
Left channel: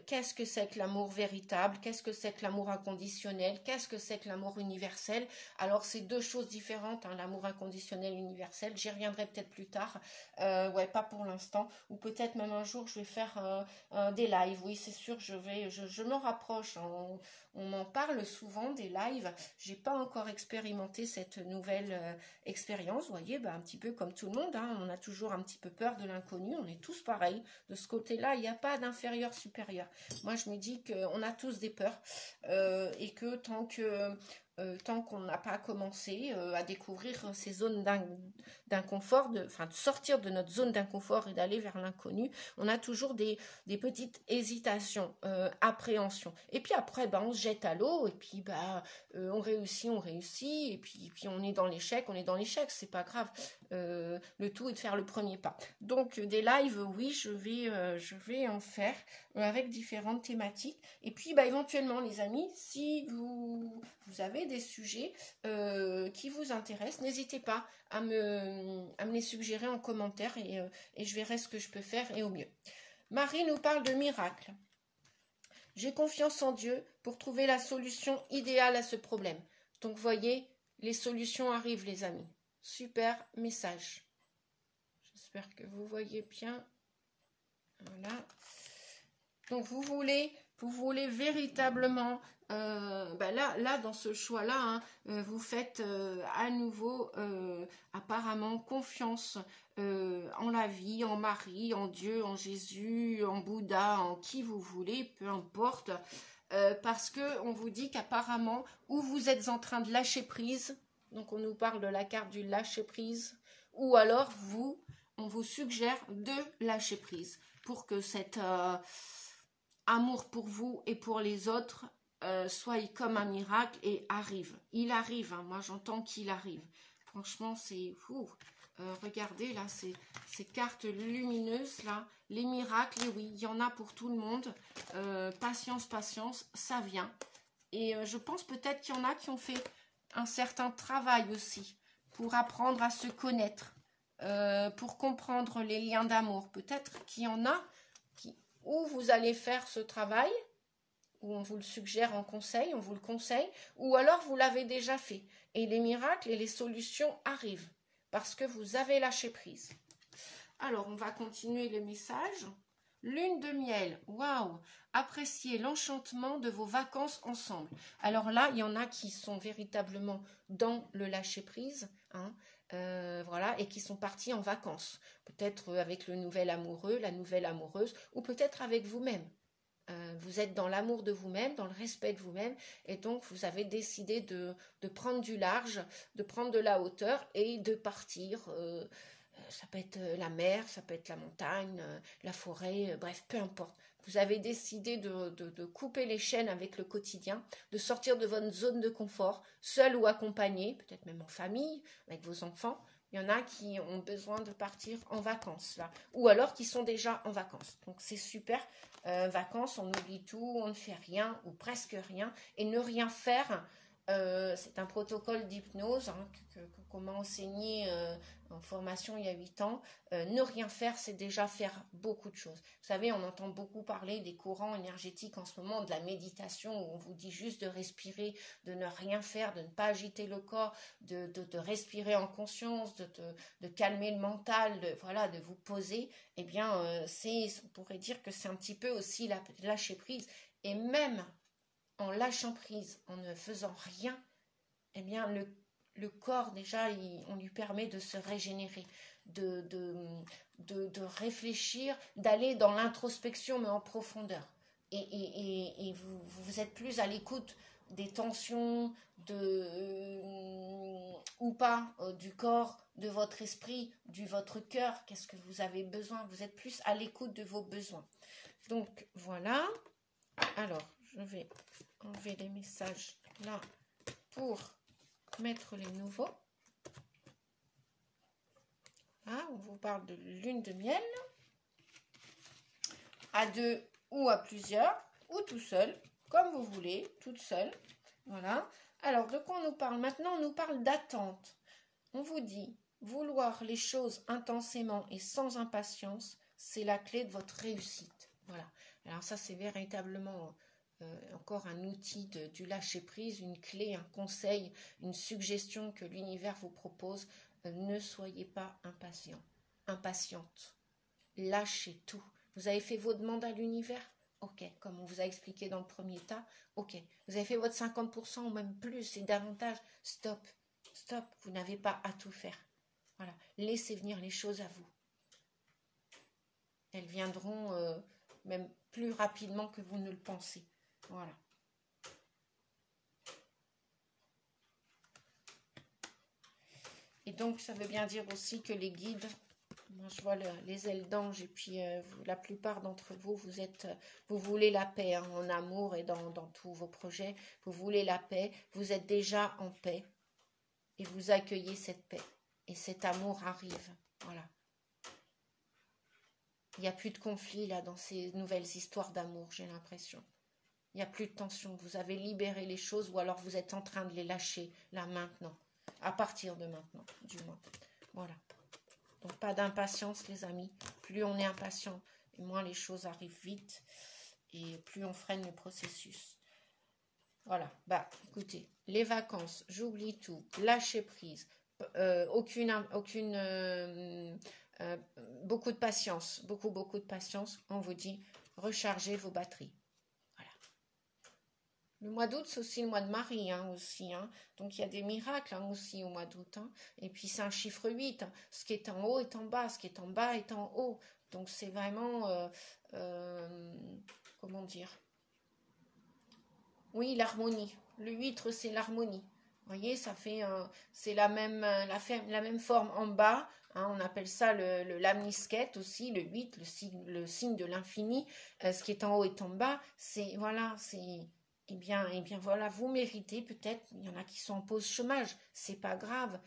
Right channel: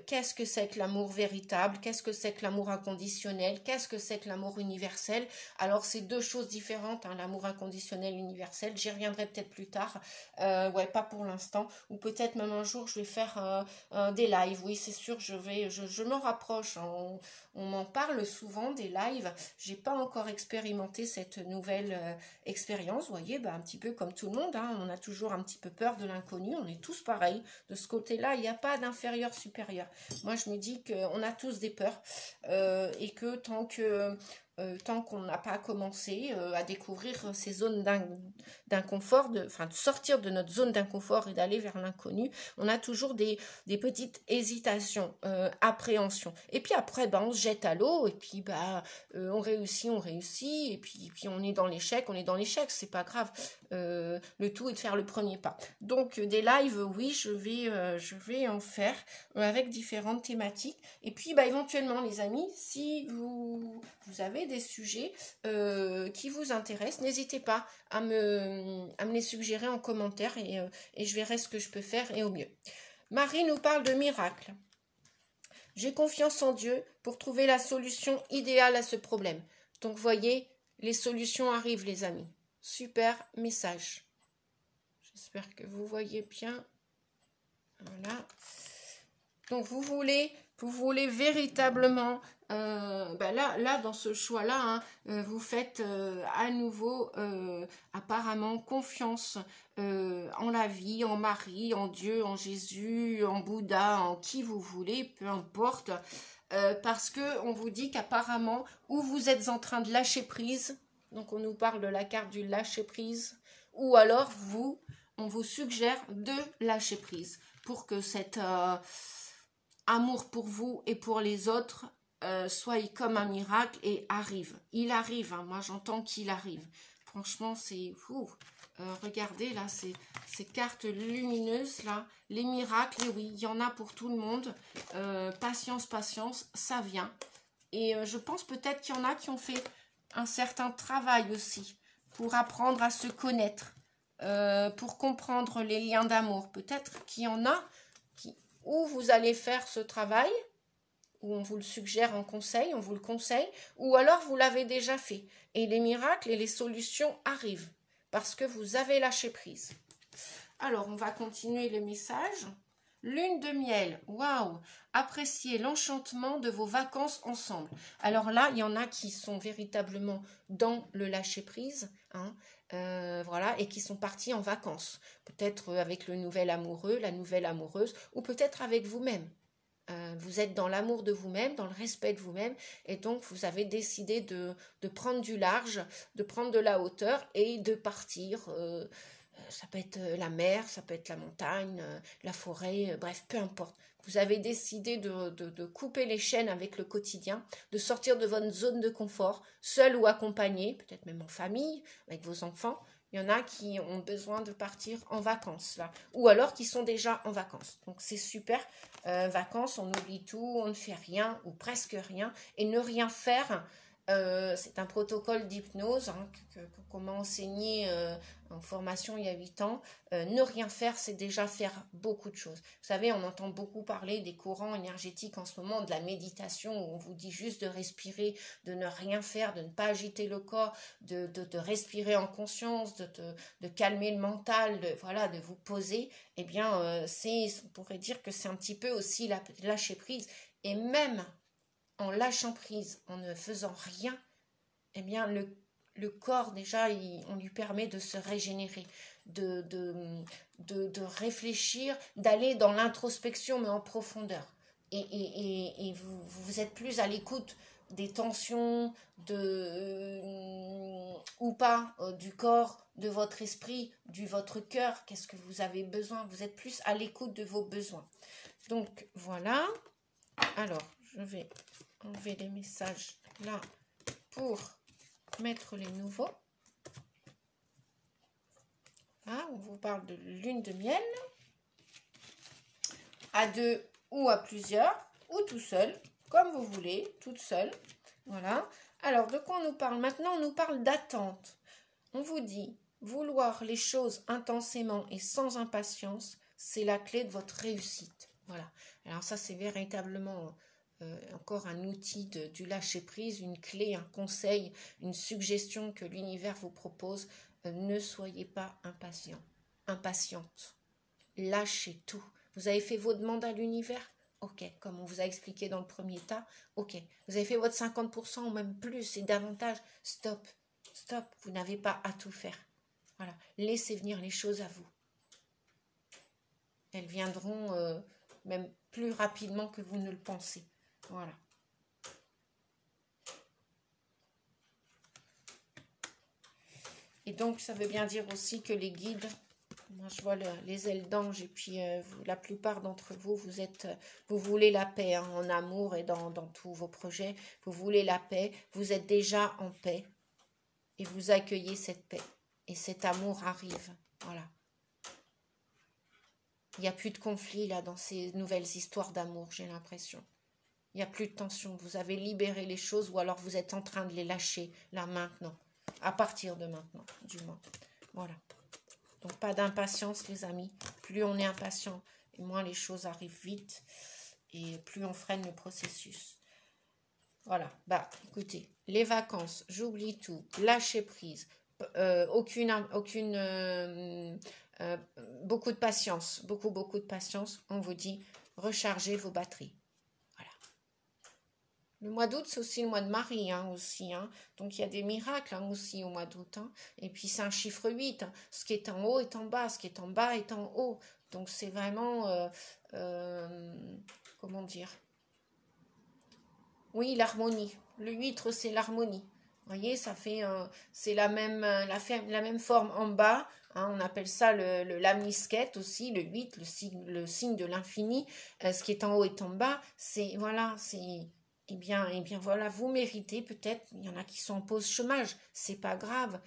qu'est-ce que c'est que l'amour véritable, qu'est-ce que c'est que l'amour inconditionnel, qu'est-ce que c'est que l'amour universel. Alors c'est deux choses différentes, hein, l'amour inconditionnel et universel. J'y reviendrai peut-être plus tard, pas pour l'instant, ou peut-être même un jour je vais faire des lives. Oui, c'est sûr, je m'en rapproche, hein. On m'en parle souvent des lives. J'ai pas encore expérimenté cette nouvelle expérience. Vous voyez, un petit peu comme tout le monde, hein, on a toujours un petit peu peur de l'inconnu. On est tous pareils. De ce côté-là, il n'y a pas d'inférieur supérieur. Moi, je me dis qu'on a tous des peurs et que tant qu'on n'a pas commencé à découvrir ces zones d'inconfort, de sortir de notre zone d'inconfort et d'aller vers l'inconnu, on a toujours des petites hésitations, appréhensions. Et puis après, on se jette à l'eau et puis on réussit, et puis on est dans l'échec, c'est pas grave. Le tout est de faire le premier pas. Donc des lives, oui, je vais en faire avec différentes thématiques. Et puis éventuellement, les amis, si vous avez des sujets qui vous intéressent, n'hésitez pas à me les suggérer en commentaire et je verrai ce que je peux faire et au mieux. Marie nous parle de miracle. J'ai confiance en Dieu pour trouver la solution idéale à ce problème. Donc, voyez, les solutions arrivent, les amis. Super message. J'espère que vous voyez bien. Voilà. Donc, vous voulez véritablement... là, dans ce choix-là, hein, vous faites à nouveau apparemment confiance en la vie, en Marie, en Dieu, en Jésus, en Bouddha, en qui vous voulez, peu importe, parce que on vous dit qu'apparemment, ou vous êtes en train de lâcher prise, donc on nous parle de la carte du lâcher prise, ou alors on vous suggère de lâcher prise. pour que cet amour pour vous et pour les autres soit comme un miracle et arrive. Il arrive, hein, moi j'entends qu'il arrive. Franchement, c'est fou. Regardez là, ces cartes lumineuses là, les miracles, et oui, il y en a pour tout le monde. Patience, patience, ça vient. Et je pense peut-être qu'il y en a qui ont fait un certain travail aussi pour apprendre à se connaître, pour comprendre les liens d'amour. Peut-être qu'il y en a où vous allez faire ce travail, où on vous le suggère en conseil, on vous le conseille, ou alors vous l'avez déjà fait. Et les miracles et les solutions arrivent, parce que vous avez lâché prise. Alors, on va continuer le message. Lune de miel, waouh! Appréciez l'enchantement de vos vacances ensemble. Alors là, il y en a qui sont véritablement dans le lâcher prise, hein, voilà, et qui sont partis en vacances. Peut-être avec le nouvel amoureux, la nouvelle amoureuse, ou peut-être avec vous-même. Vous êtes dans l'amour de vous-même, dans le respect de vous-même, et donc vous avez décidé de prendre du large, de prendre de la hauteur et de partir. Ça peut être la mer, ça peut être la montagne, la forêt, bref, peu importe. Vous avez décidé de couper les chaînes avec le quotidien, de sortir de votre zone de confort, seul ou accompagné, peut-être même en famille, avec vos enfants. Il y en a qui ont besoin de partir en vacances, là, ou alors qui sont déjà en vacances. Donc c'est super. Vacances, on oublie tout, on ne fait rien ou presque rien. Et ne rien faire, c'est un protocole d'hypnose hein, qu'on m'a enseigné en formation il y a 8 ans. Ne rien faire, c'est déjà faire beaucoup de choses. Vous savez, on entend beaucoup parler des courants énergétiques en ce moment, de la méditation, où on vous dit juste de respirer, de ne rien faire, de ne pas agiter le corps, de respirer en conscience, de calmer le mental, voilà, de vous poser. Eh bien, on pourrait dire que c'est un petit peu aussi lâcher prise. Et même en lâchant prise, en ne faisant rien, eh bien, le corps, déjà, on lui permet de se régénérer, de réfléchir, d'aller dans l'introspection, mais en profondeur. Et vous êtes plus à l'écoute des tensions, ou pas, du corps, de votre esprit, votre cœur. Qu'est-ce que vous avez besoin? Vous êtes plus à l'écoute de vos besoins. Donc, voilà. Alors, je vais enlever les messages là pour mettre les nouveaux. Là, on vous parle de lune de miel. À deux ou à plusieurs, ou tout seul, comme vous voulez, toute seule. Voilà. Alors, de quoi on nous parle? Maintenant, on nous parle d'attente. On vous dit, vouloir les choses intensément et sans impatience, c'est la clé de votre réussite. Voilà. Alors ça, c'est véritablement encore un outil du lâcher-prise, une clé, un conseil, une suggestion que l'univers vous propose. Ne soyez pas impatient, impatiente. Lâchez tout. Vous avez fait vos demandes à l'univers? Ok, comme on vous a expliqué dans le premier tas. Ok, vous avez fait votre 50% ou même plus et davantage. Stop, stop, vous n'avez pas à tout faire. Voilà, laissez venir les choses à vous. Elles viendront même plus rapidement que vous ne le pensez. Voilà. Et donc, ça veut bien dire aussi que les guides, moi je vois les ailes d'ange, et puis la plupart d'entre vous, vous voulez la paix hein, en amour et dans tous vos projets. Vous voulez la paix, vous êtes déjà en paix et vous accueillez cette paix. Et cet amour arrive. Voilà. Il n'y a plus de conflit là dans ces nouvelles histoires d'amour, j'ai l'impression. Il n'y a plus de tension. Vous avez libéré les choses ou alors vous êtes en train de les lâcher là maintenant. À partir de maintenant, du moins. Voilà. Donc, pas d'impatience, les amis. Plus on est impatient, et moins les choses arrivent vite. Et plus on freine le processus. Voilà. Bah, écoutez, les vacances, j'oublie tout. Lâcher prise. Beaucoup de patience. Beaucoup de patience. On vous dit, rechargez vos batteries. Le mois d'août, c'est aussi le mois de Marie, hein, aussi. Hein. Donc, il y a des miracles hein, aussi au mois d'août. Hein. Et puis, c'est un chiffre 8. Hein. Ce qui est en haut est en bas. Ce qui est en bas est en haut. Donc, c'est vraiment... comment dire? Oui, l'harmonie. Le 8, c'est l'harmonie. Vous voyez, ça fait, c'est la même forme en bas. Hein, on appelle ça le lamnisquette aussi, le 8, le signe de l'infini. Ce qui est en haut est en bas. C'est, voilà, c'est... Eh bien, voilà, vous méritez peut-être, il y en a qui sont en pause chômage, c'est pas grave,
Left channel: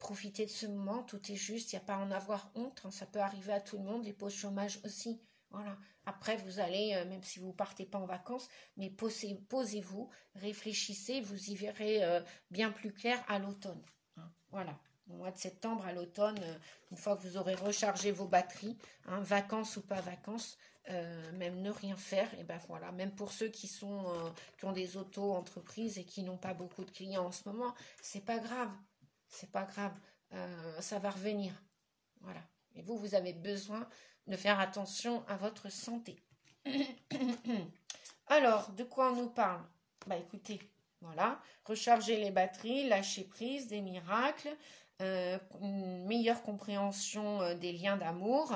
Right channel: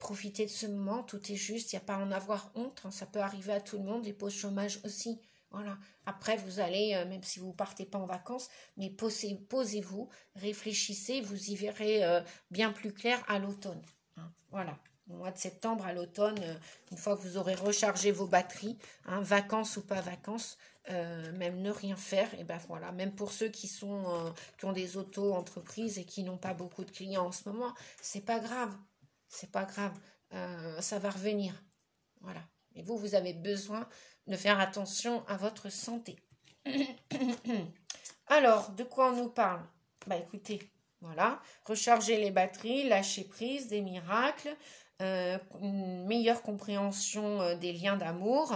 profitez de ce moment, tout est juste, il n'y a pas à en avoir honte, hein, ça peut arriver à tout le monde, les pauses chômage aussi, voilà. Après, vous allez, même si vous ne partez pas en vacances, mais posez-vous, réfléchissez, vous y verrez bien plus clair à l'automne, hein, voilà. Au mois de septembre, à l'automne, une fois que vous aurez rechargé vos batteries, hein, vacances ou pas vacances, même ne rien faire, et ben voilà, même pour ceux qui ont des auto-entreprises et qui n'ont pas beaucoup de clients en ce moment, c'est pas grave, ça va revenir, voilà. Et vous avez besoin de faire attention à votre santé. Alors, de quoi on nous parle? Bah écoutez, voilà, recharger les batteries, lâcher prise, des miracles, une meilleure compréhension des liens d'amour,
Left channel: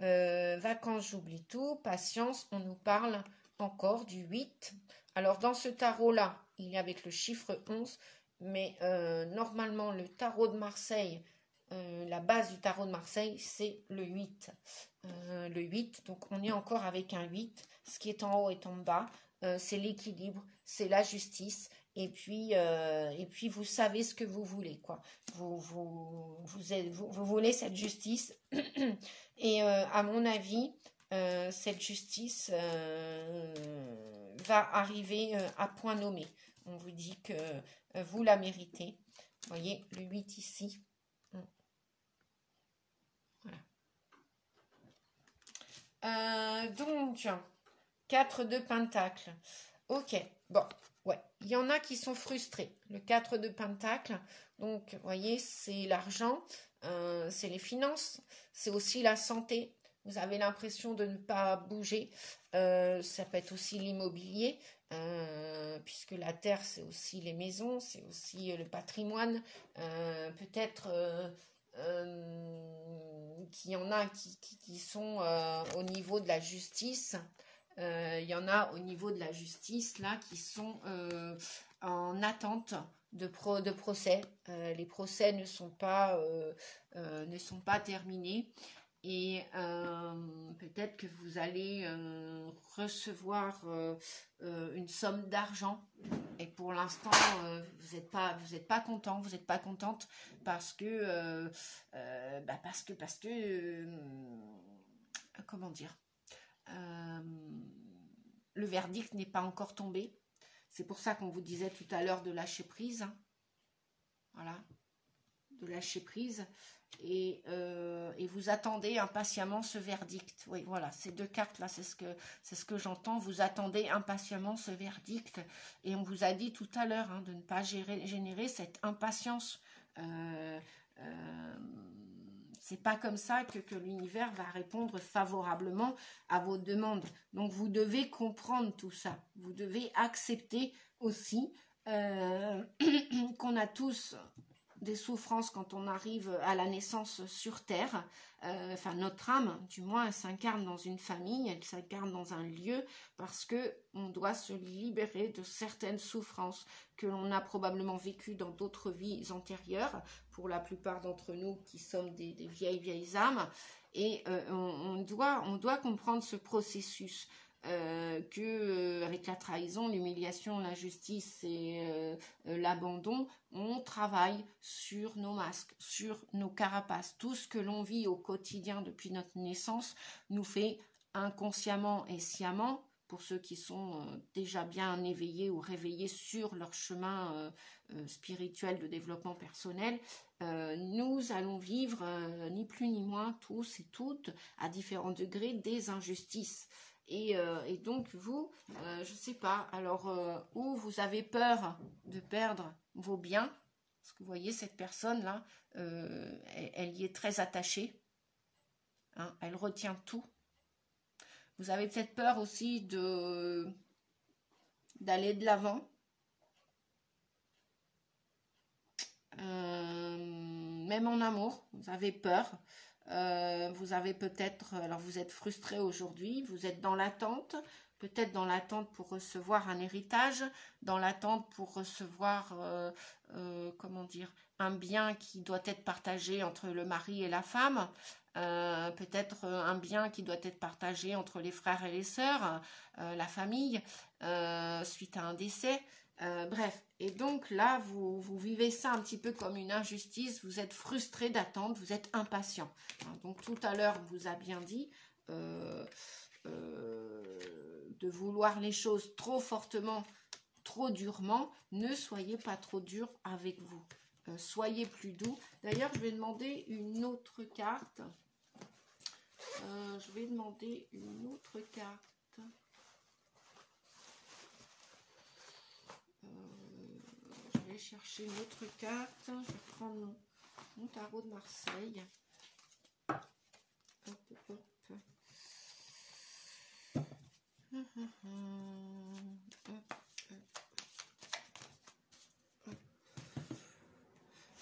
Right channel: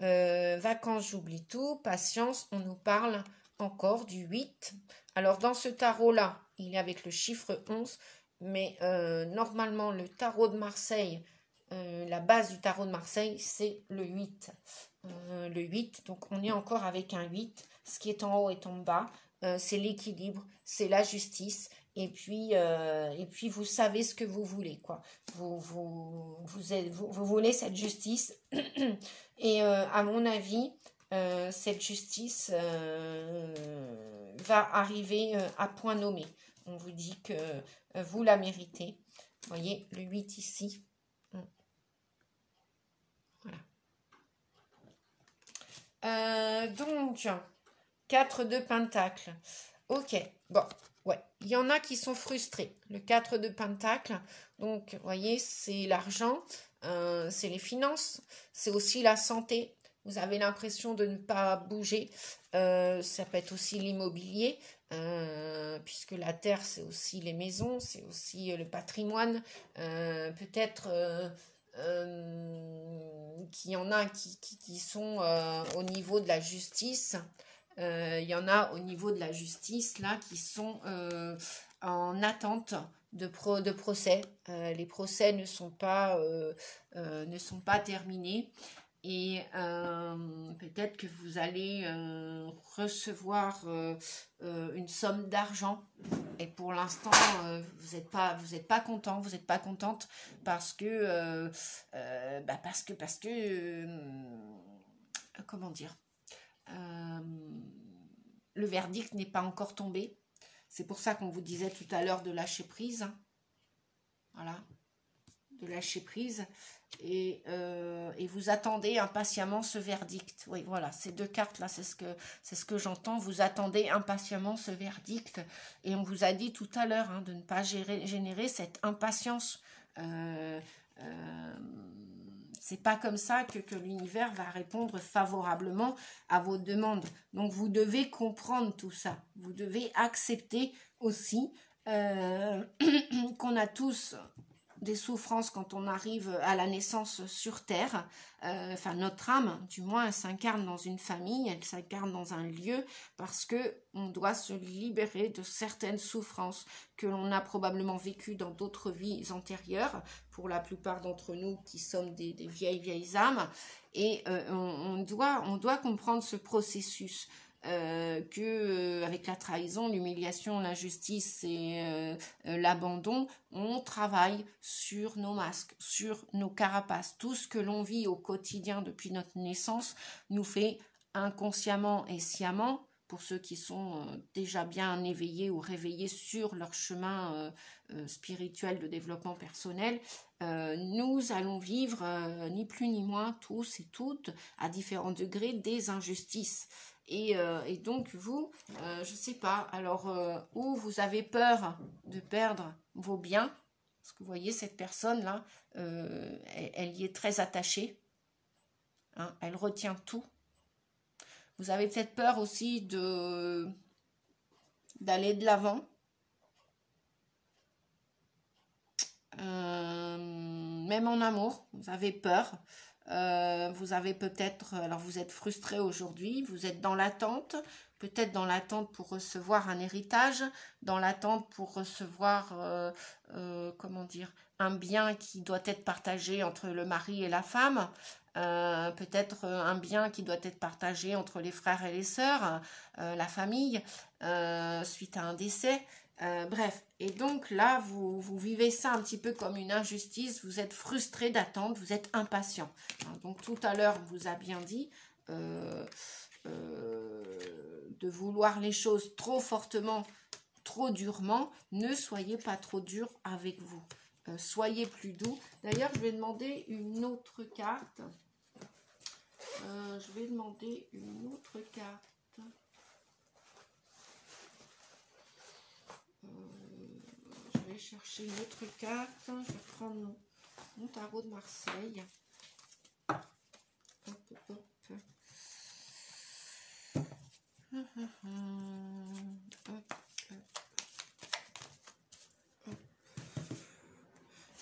vacances, j'oublie tout, patience, on nous parle encore du 8. Alors dans ce tarot-là, il est avec le chiffre 11, mais normalement le tarot de Marseille, la base du tarot de Marseille, c'est le 8. Le 8, donc on est encore avec un 8, ce qui est en haut est en bas, c'est l'équilibre, c'est la justice, et puis vous savez ce que vous voulez, quoi. Vous voulez cette justice, et à mon avis, cette justice va arriver à point nommé. On vous dit que vous la méritez. Vous voyez, le 8 ici. Voilà. Donc, 4 de pentacle. Ok, bon, ouais. Il y en a qui sont frustrés. Le 4 de pentacle, donc, vous voyez, c'est l'argent, c'est les finances, c'est aussi la santé. Vous avez l'impression de ne pas bouger. Ça peut être aussi l'immobilier, puisque la terre, c'est aussi les maisons, c'est aussi le patrimoine. Peut-être qu'il y en a qui sont au niveau de la justice. Il y en a au niveau de la justice, là, qui sont en attente de procès. Les procès ne sont pas terminés. Et peut-être que vous allez recevoir une somme d'argent. Et pour l'instant, vous n'êtes pas content, vous n'êtes pas contente parce que comment dire, le verdict n'est pas encore tombé. C'est pour ça qu'on vous disait tout à l'heure de lâcher prise. Voilà, de lâcher prise. Et vous attendez impatiemment ce verdict. Oui, voilà, ces deux cartes-là, c'est ce que j'entends. Vous attendez impatiemment ce verdict. Et on vous a dit tout à l'heure de ne pas générer cette impatience. C'est pas comme ça que l'univers va répondre favorablement à vos demandes. Donc, vous devez comprendre tout ça. Vous devez accepter aussi qu'on a tous des souffrances quand on arrive à la naissance sur Terre. Enfin, notre âme, du moins, elle s'incarne dans une famille, elle s'incarne dans un lieu, parce que on doit se libérer de certaines souffrances que l'on a probablement vécues dans d'autres vies antérieures, pour la plupart d'entre nous qui sommes des vieilles âmes, et on doit comprendre ce processus. Avec la trahison, l'humiliation, l'injustice et l'abandon, on travaille sur nos masques, sur nos carapaces. Tout ce que l'on vit au quotidien depuis notre naissance nous fait inconsciemment et sciemment, pour ceux qui sont déjà bien éveillés ou réveillés sur leur chemin spirituel de développement personnel, nous allons vivre ni plus ni moins, tous et toutes, à différents degrés, des injustices. Et donc vous, je sais pas, alors où vous avez peur de perdre vos biens, parce que vous voyez cette personne là, elle y est très attachée, hein, elle retient tout. Vous avez peut-être peur aussi d'aller de l'avant, même en amour, vous avez peur. Vous avez peut-être, alors vous êtes frustré aujourd'hui, vous êtes dans l'attente, peut-être dans l'attente pour recevoir un héritage, dans l'attente pour recevoir, comment dire, un bien qui doit être partagé entre le mari et la femme, peut-être un bien qui doit être partagé entre les frères et les sœurs, la famille, suite à un décès. Bref, et donc là, vous vivez ça un petit peu comme une injustice, vous êtes frustré d'attendre, vous êtes impatient. Donc tout à l'heure, on vous a bien dit de vouloir les choses trop fortement, trop durement. Ne soyez pas trop dur avec vous. Soyez plus doux. D'ailleurs, je vais demander une autre carte. Je vais demander une autre carte. Je vais chercher une autre carte. Je vais prendre mon tarot de Marseille. Hop, hop.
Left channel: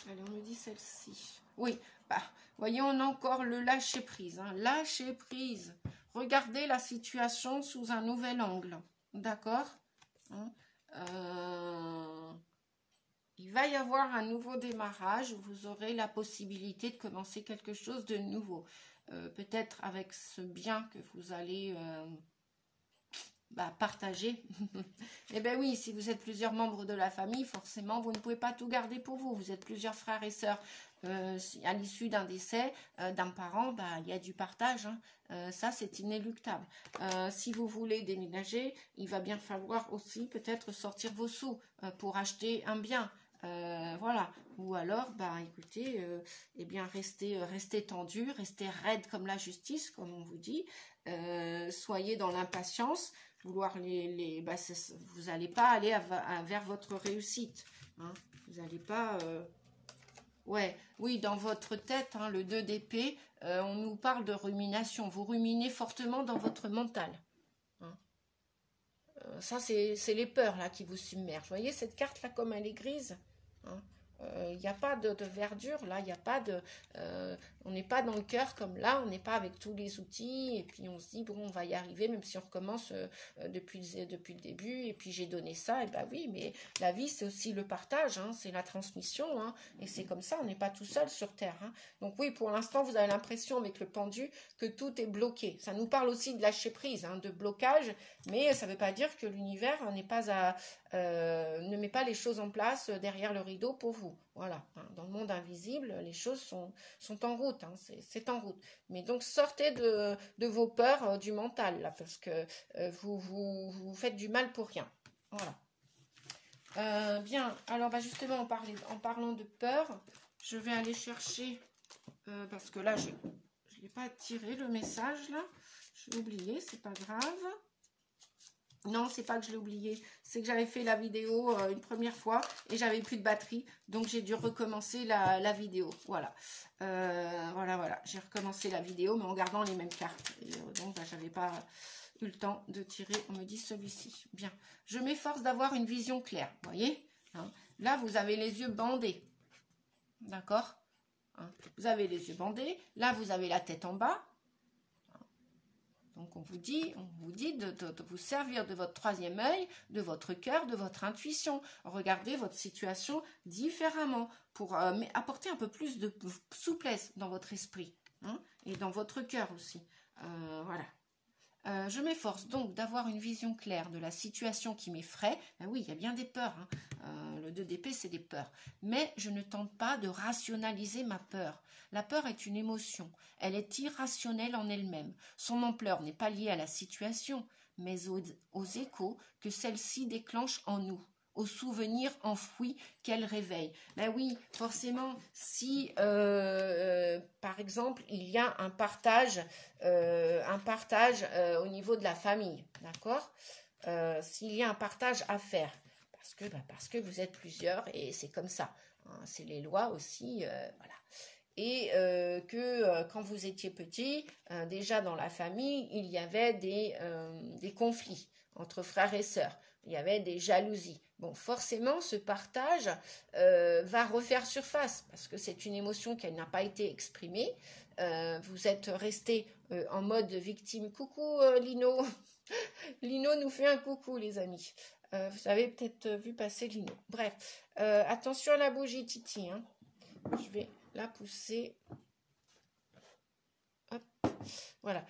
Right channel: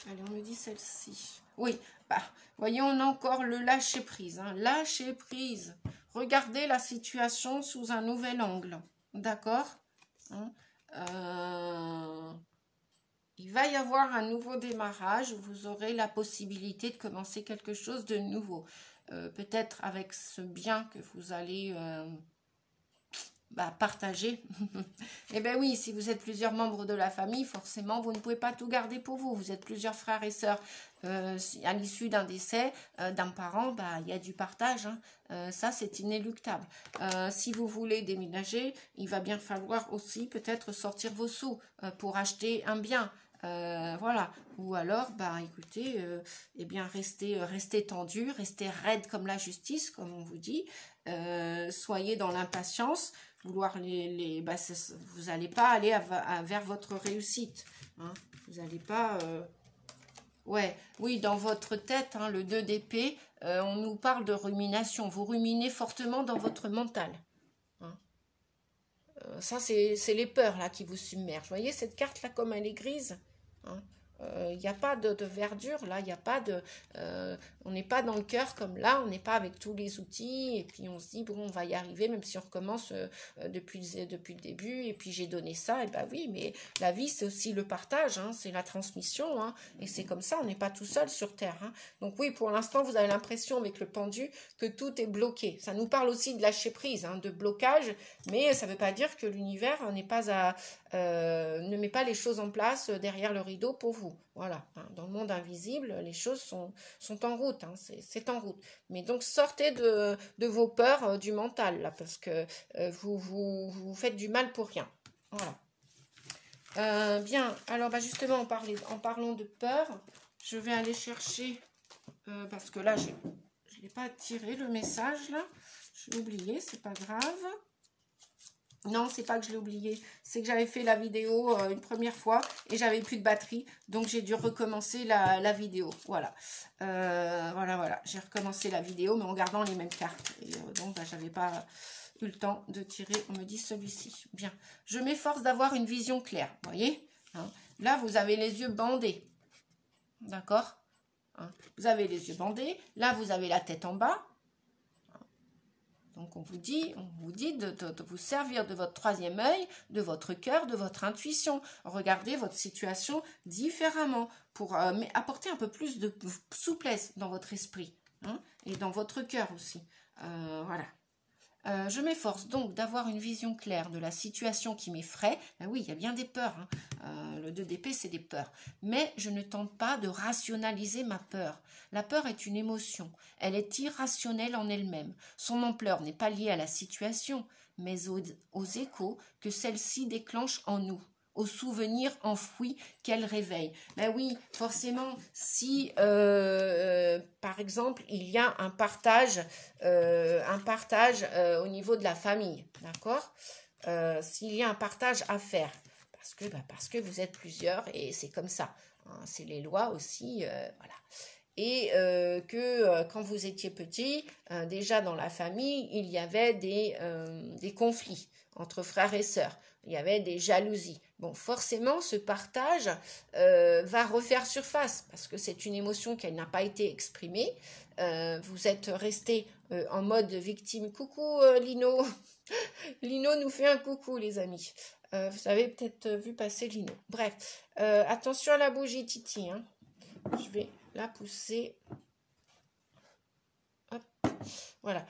Alors, on me dit celle-ci. Oui, bah, voyez, on a encore le lâcher prise. Hein. Lâcher prise. Regardez la situation sous un nouvel angle. D'accord, hein. Il va y avoir un nouveau démarrage où vous aurez la possibilité de commencer quelque chose de nouveau. Peut-être avec ce bien que vous allez partager. Eh bien oui, si vous êtes plusieurs membres de la famille, forcément, vous ne pouvez pas tout garder pour vous. Vous êtes plusieurs frères et sœurs. À l'issue d'un décès d'un parent, il y a du partage. Hein. Ça, c'est inéluctable. Si vous voulez déménager, il va bien falloir aussi peut-être sortir vos sous pour acheter un bien. Voilà, ou alors écoutez, eh bien restez tendu, restez raide comme la justice, comme on vous dit, soyez dans l'impatience, vouloir vous n'allez pas aller vers votre réussite, hein. Vous n'allez pas oui, dans votre tête, hein, le 2 d'épée, on nous parle de rumination, vous ruminez fortement dans votre mental, hein. Ça c'est les peurs là qui vous submergent. Vous voyez cette carte là comme elle est grise, hein. Il n'y a pas de verdure là, il n'y a pas de on n'est pas dans le cœur comme là, on n'est pas avec tous les outils et puis on se dit bon, on va y arriver même si on recommence depuis le début et puis j'ai donné ça, et oui, mais la vie c'est aussi le partage, hein, c'est la transmission, hein, et c'est comme ça, on n'est pas tout seul sur terre, hein. Donc oui, pour l'instant vous avez l'impression avec le pendu que tout est bloqué. Ça nous parle aussi de lâcher prise, hein, de blocage, mais ça ne veut pas dire que l'univers n'est pas ne met pas les choses en place derrière le rideau pour vous. Voilà, hein, dans le monde invisible, les choses sont en route, hein, c'est en route. Mais donc sortez de vos peurs du mental, là, parce que vous faites du mal pour rien. Voilà. Bien, alors justement, en parlant de peur, je vais aller chercher, parce que là, je n'ai pas tiré le message, là. J'ai oublié, c'est pas grave. Non, c'est pas que je l'ai oublié, c'est que j'avais fait la vidéo une première fois et j'avais plus de batterie, donc j'ai dû recommencer la vidéo. Voilà, voilà, j'ai recommencé la vidéo, mais en gardant les mêmes cartes. Et donc, j'avais pas eu le temps de tirer, on me dit celui-ci. Bien, je m'efforce d'avoir une vision claire, vous voyez, hein. Là, vous avez les yeux bandés, d'accord, hein. Vous avez les yeux bandés, là, vous avez la tête en bas. Donc, on vous dit de vous servir de votre troisième œil, de votre cœur, de votre intuition. Regardez votre situation différemment pour apporter un peu plus de souplesse dans votre esprit, hein, et dans votre cœur aussi. Voilà. Je m'efforce donc d'avoir une vision claire de la situation qui m'effraie. Oui, il y a bien des peurs, hein. Le 2 d'épée, c'est des peurs. Mais je ne tente pas de rationaliser ma peur. La peur est une émotion. Elle est irrationnelle en elle-même. Son ampleur n'est pas liée à la situation, mais aux échos que celle-ci déclenche en nous, aux souvenirs enfouis qu'elle réveille. Oui, forcément, si, par exemple, il y a un partage au niveau de la famille, d'accord, s'il y a un partage à faire, parce que vous êtes plusieurs et c'est comme ça, hein, c'est les lois aussi, voilà. et que quand vous étiez petit, déjà dans la famille, il y avait des conflits entre frères et sœurs. Il y avait des jalousies. Bon, forcément, ce partage va refaire surface parce que c'est une émotion qui n'a pas été exprimée. Vous êtes resté en mode victime. Coucou Lino. Lino nous fait un coucou, les amis. Vous avez peut-être vu passer Lino. Bref, attention à la bougie Titi. Hein. Je vais la pousser. Hop. Voilà.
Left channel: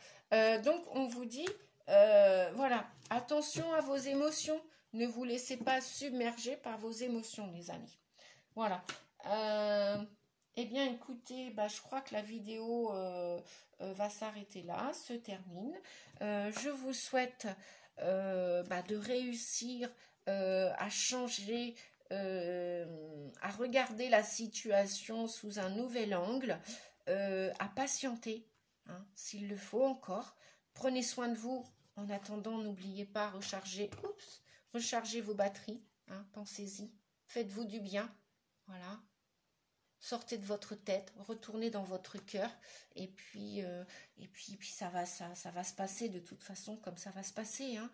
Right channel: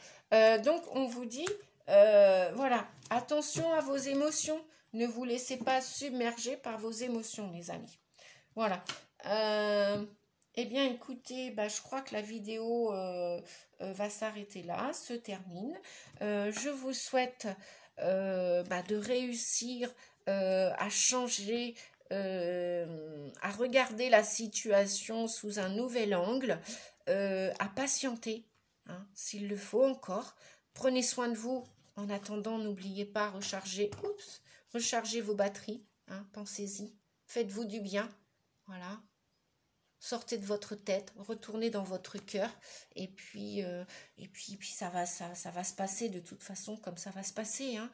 Donc, on vous dit, voilà, attention à vos émotions. Ne vous laissez pas submerger par vos émotions, les amis. Voilà. Eh bien, écoutez, je crois que la vidéo va s'arrêter là, se termine. Je vous souhaite de réussir à changer, à regarder la situation sous un nouvel angle, à patienter, hein, s'il le faut encore. Prenez soin de vous. En attendant, n'oubliez pas, rechargez vos batteries, hein, pensez-y, faites-vous du bien, voilà. Sortez de votre tête, retournez dans votre cœur, et puis ça va se passer de toute façon comme ça va se passer. Hein.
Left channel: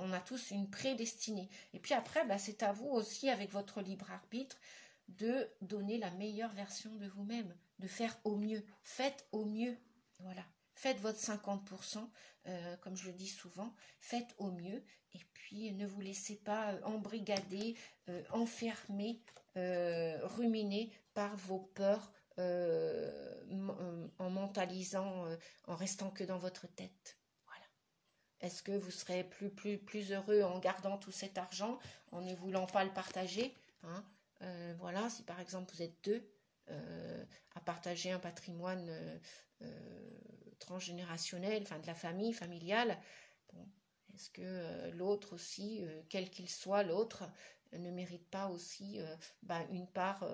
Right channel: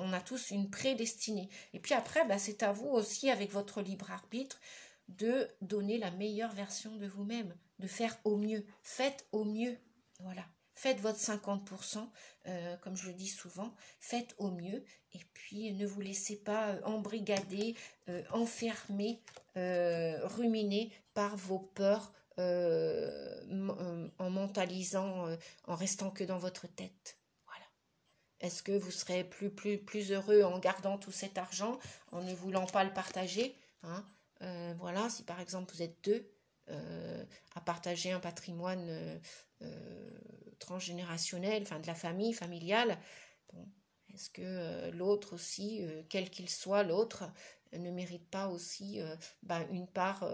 On a tous une prédestinée. Et puis après, c'est à vous aussi, avec votre libre arbitre, de donner la meilleure version de vous-même, de faire au mieux. Faites au mieux, voilà. Faites votre 50%, comme je le dis souvent, faites au mieux, et puis ne vous laissez pas embrigader, enfermer, ruminer par vos peurs, en mentalisant, en restant que dans votre tête. Voilà. Est-ce que vous serez plus heureux en gardant tout cet argent, en ne voulant pas le partager, hein? Voilà, si par exemple vous êtes deux à partager un patrimoine transgénérationnel, enfin de la famille, familiale, bon, est-ce que l'autre aussi, quel qu'il soit l'autre, ne mérite pas aussi une part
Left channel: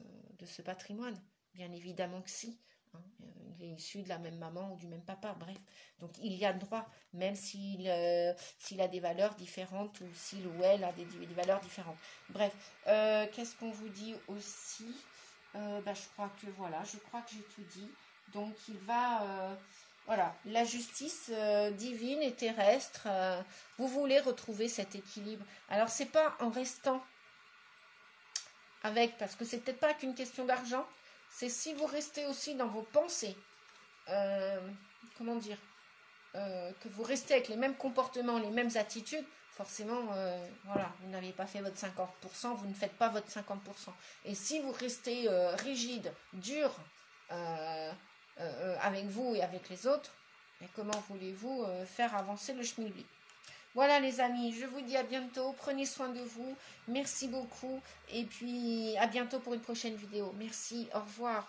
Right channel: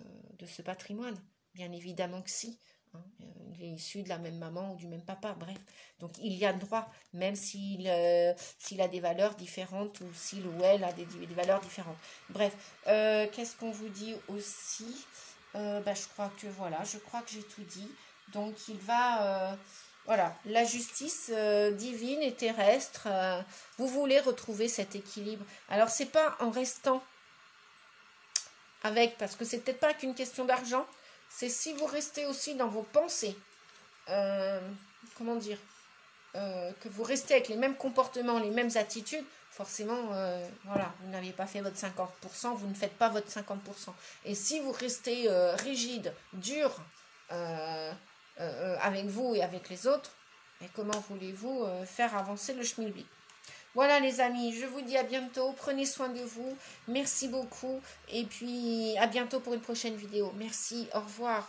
de ce patrimoine? Bien évidemment que si. Hein, il est issu de la même maman ou du même papa, bref. Donc il y a droit, même s'il a des valeurs différentes ou s'il ou elle a des valeurs différentes. Bref, qu'est-ce qu'on vous dit aussi? Je crois que voilà, je crois que j'ai tout dit. Donc il va... voilà, la justice divine et terrestre, vous voulez retrouver cet équilibre. Alors, c'est pas en restant avec, parce que c'est peut-être pas qu'une question d'argent, c'est si vous restez aussi dans vos pensées, comment dire, que vous restez avec les mêmes comportements, les mêmes attitudes, forcément, voilà, vous n'avez pas fait votre 50%, vous ne faites pas votre 50%. Et si vous restez rigide, dur, avec vous et avec les autres, mais comment voulez-vous faire avancer le schmilblick? Voilà les amis, je vous dis à bientôt, prenez soin de vous, merci beaucoup, et puis à bientôt pour une prochaine vidéo. Merci, au revoir.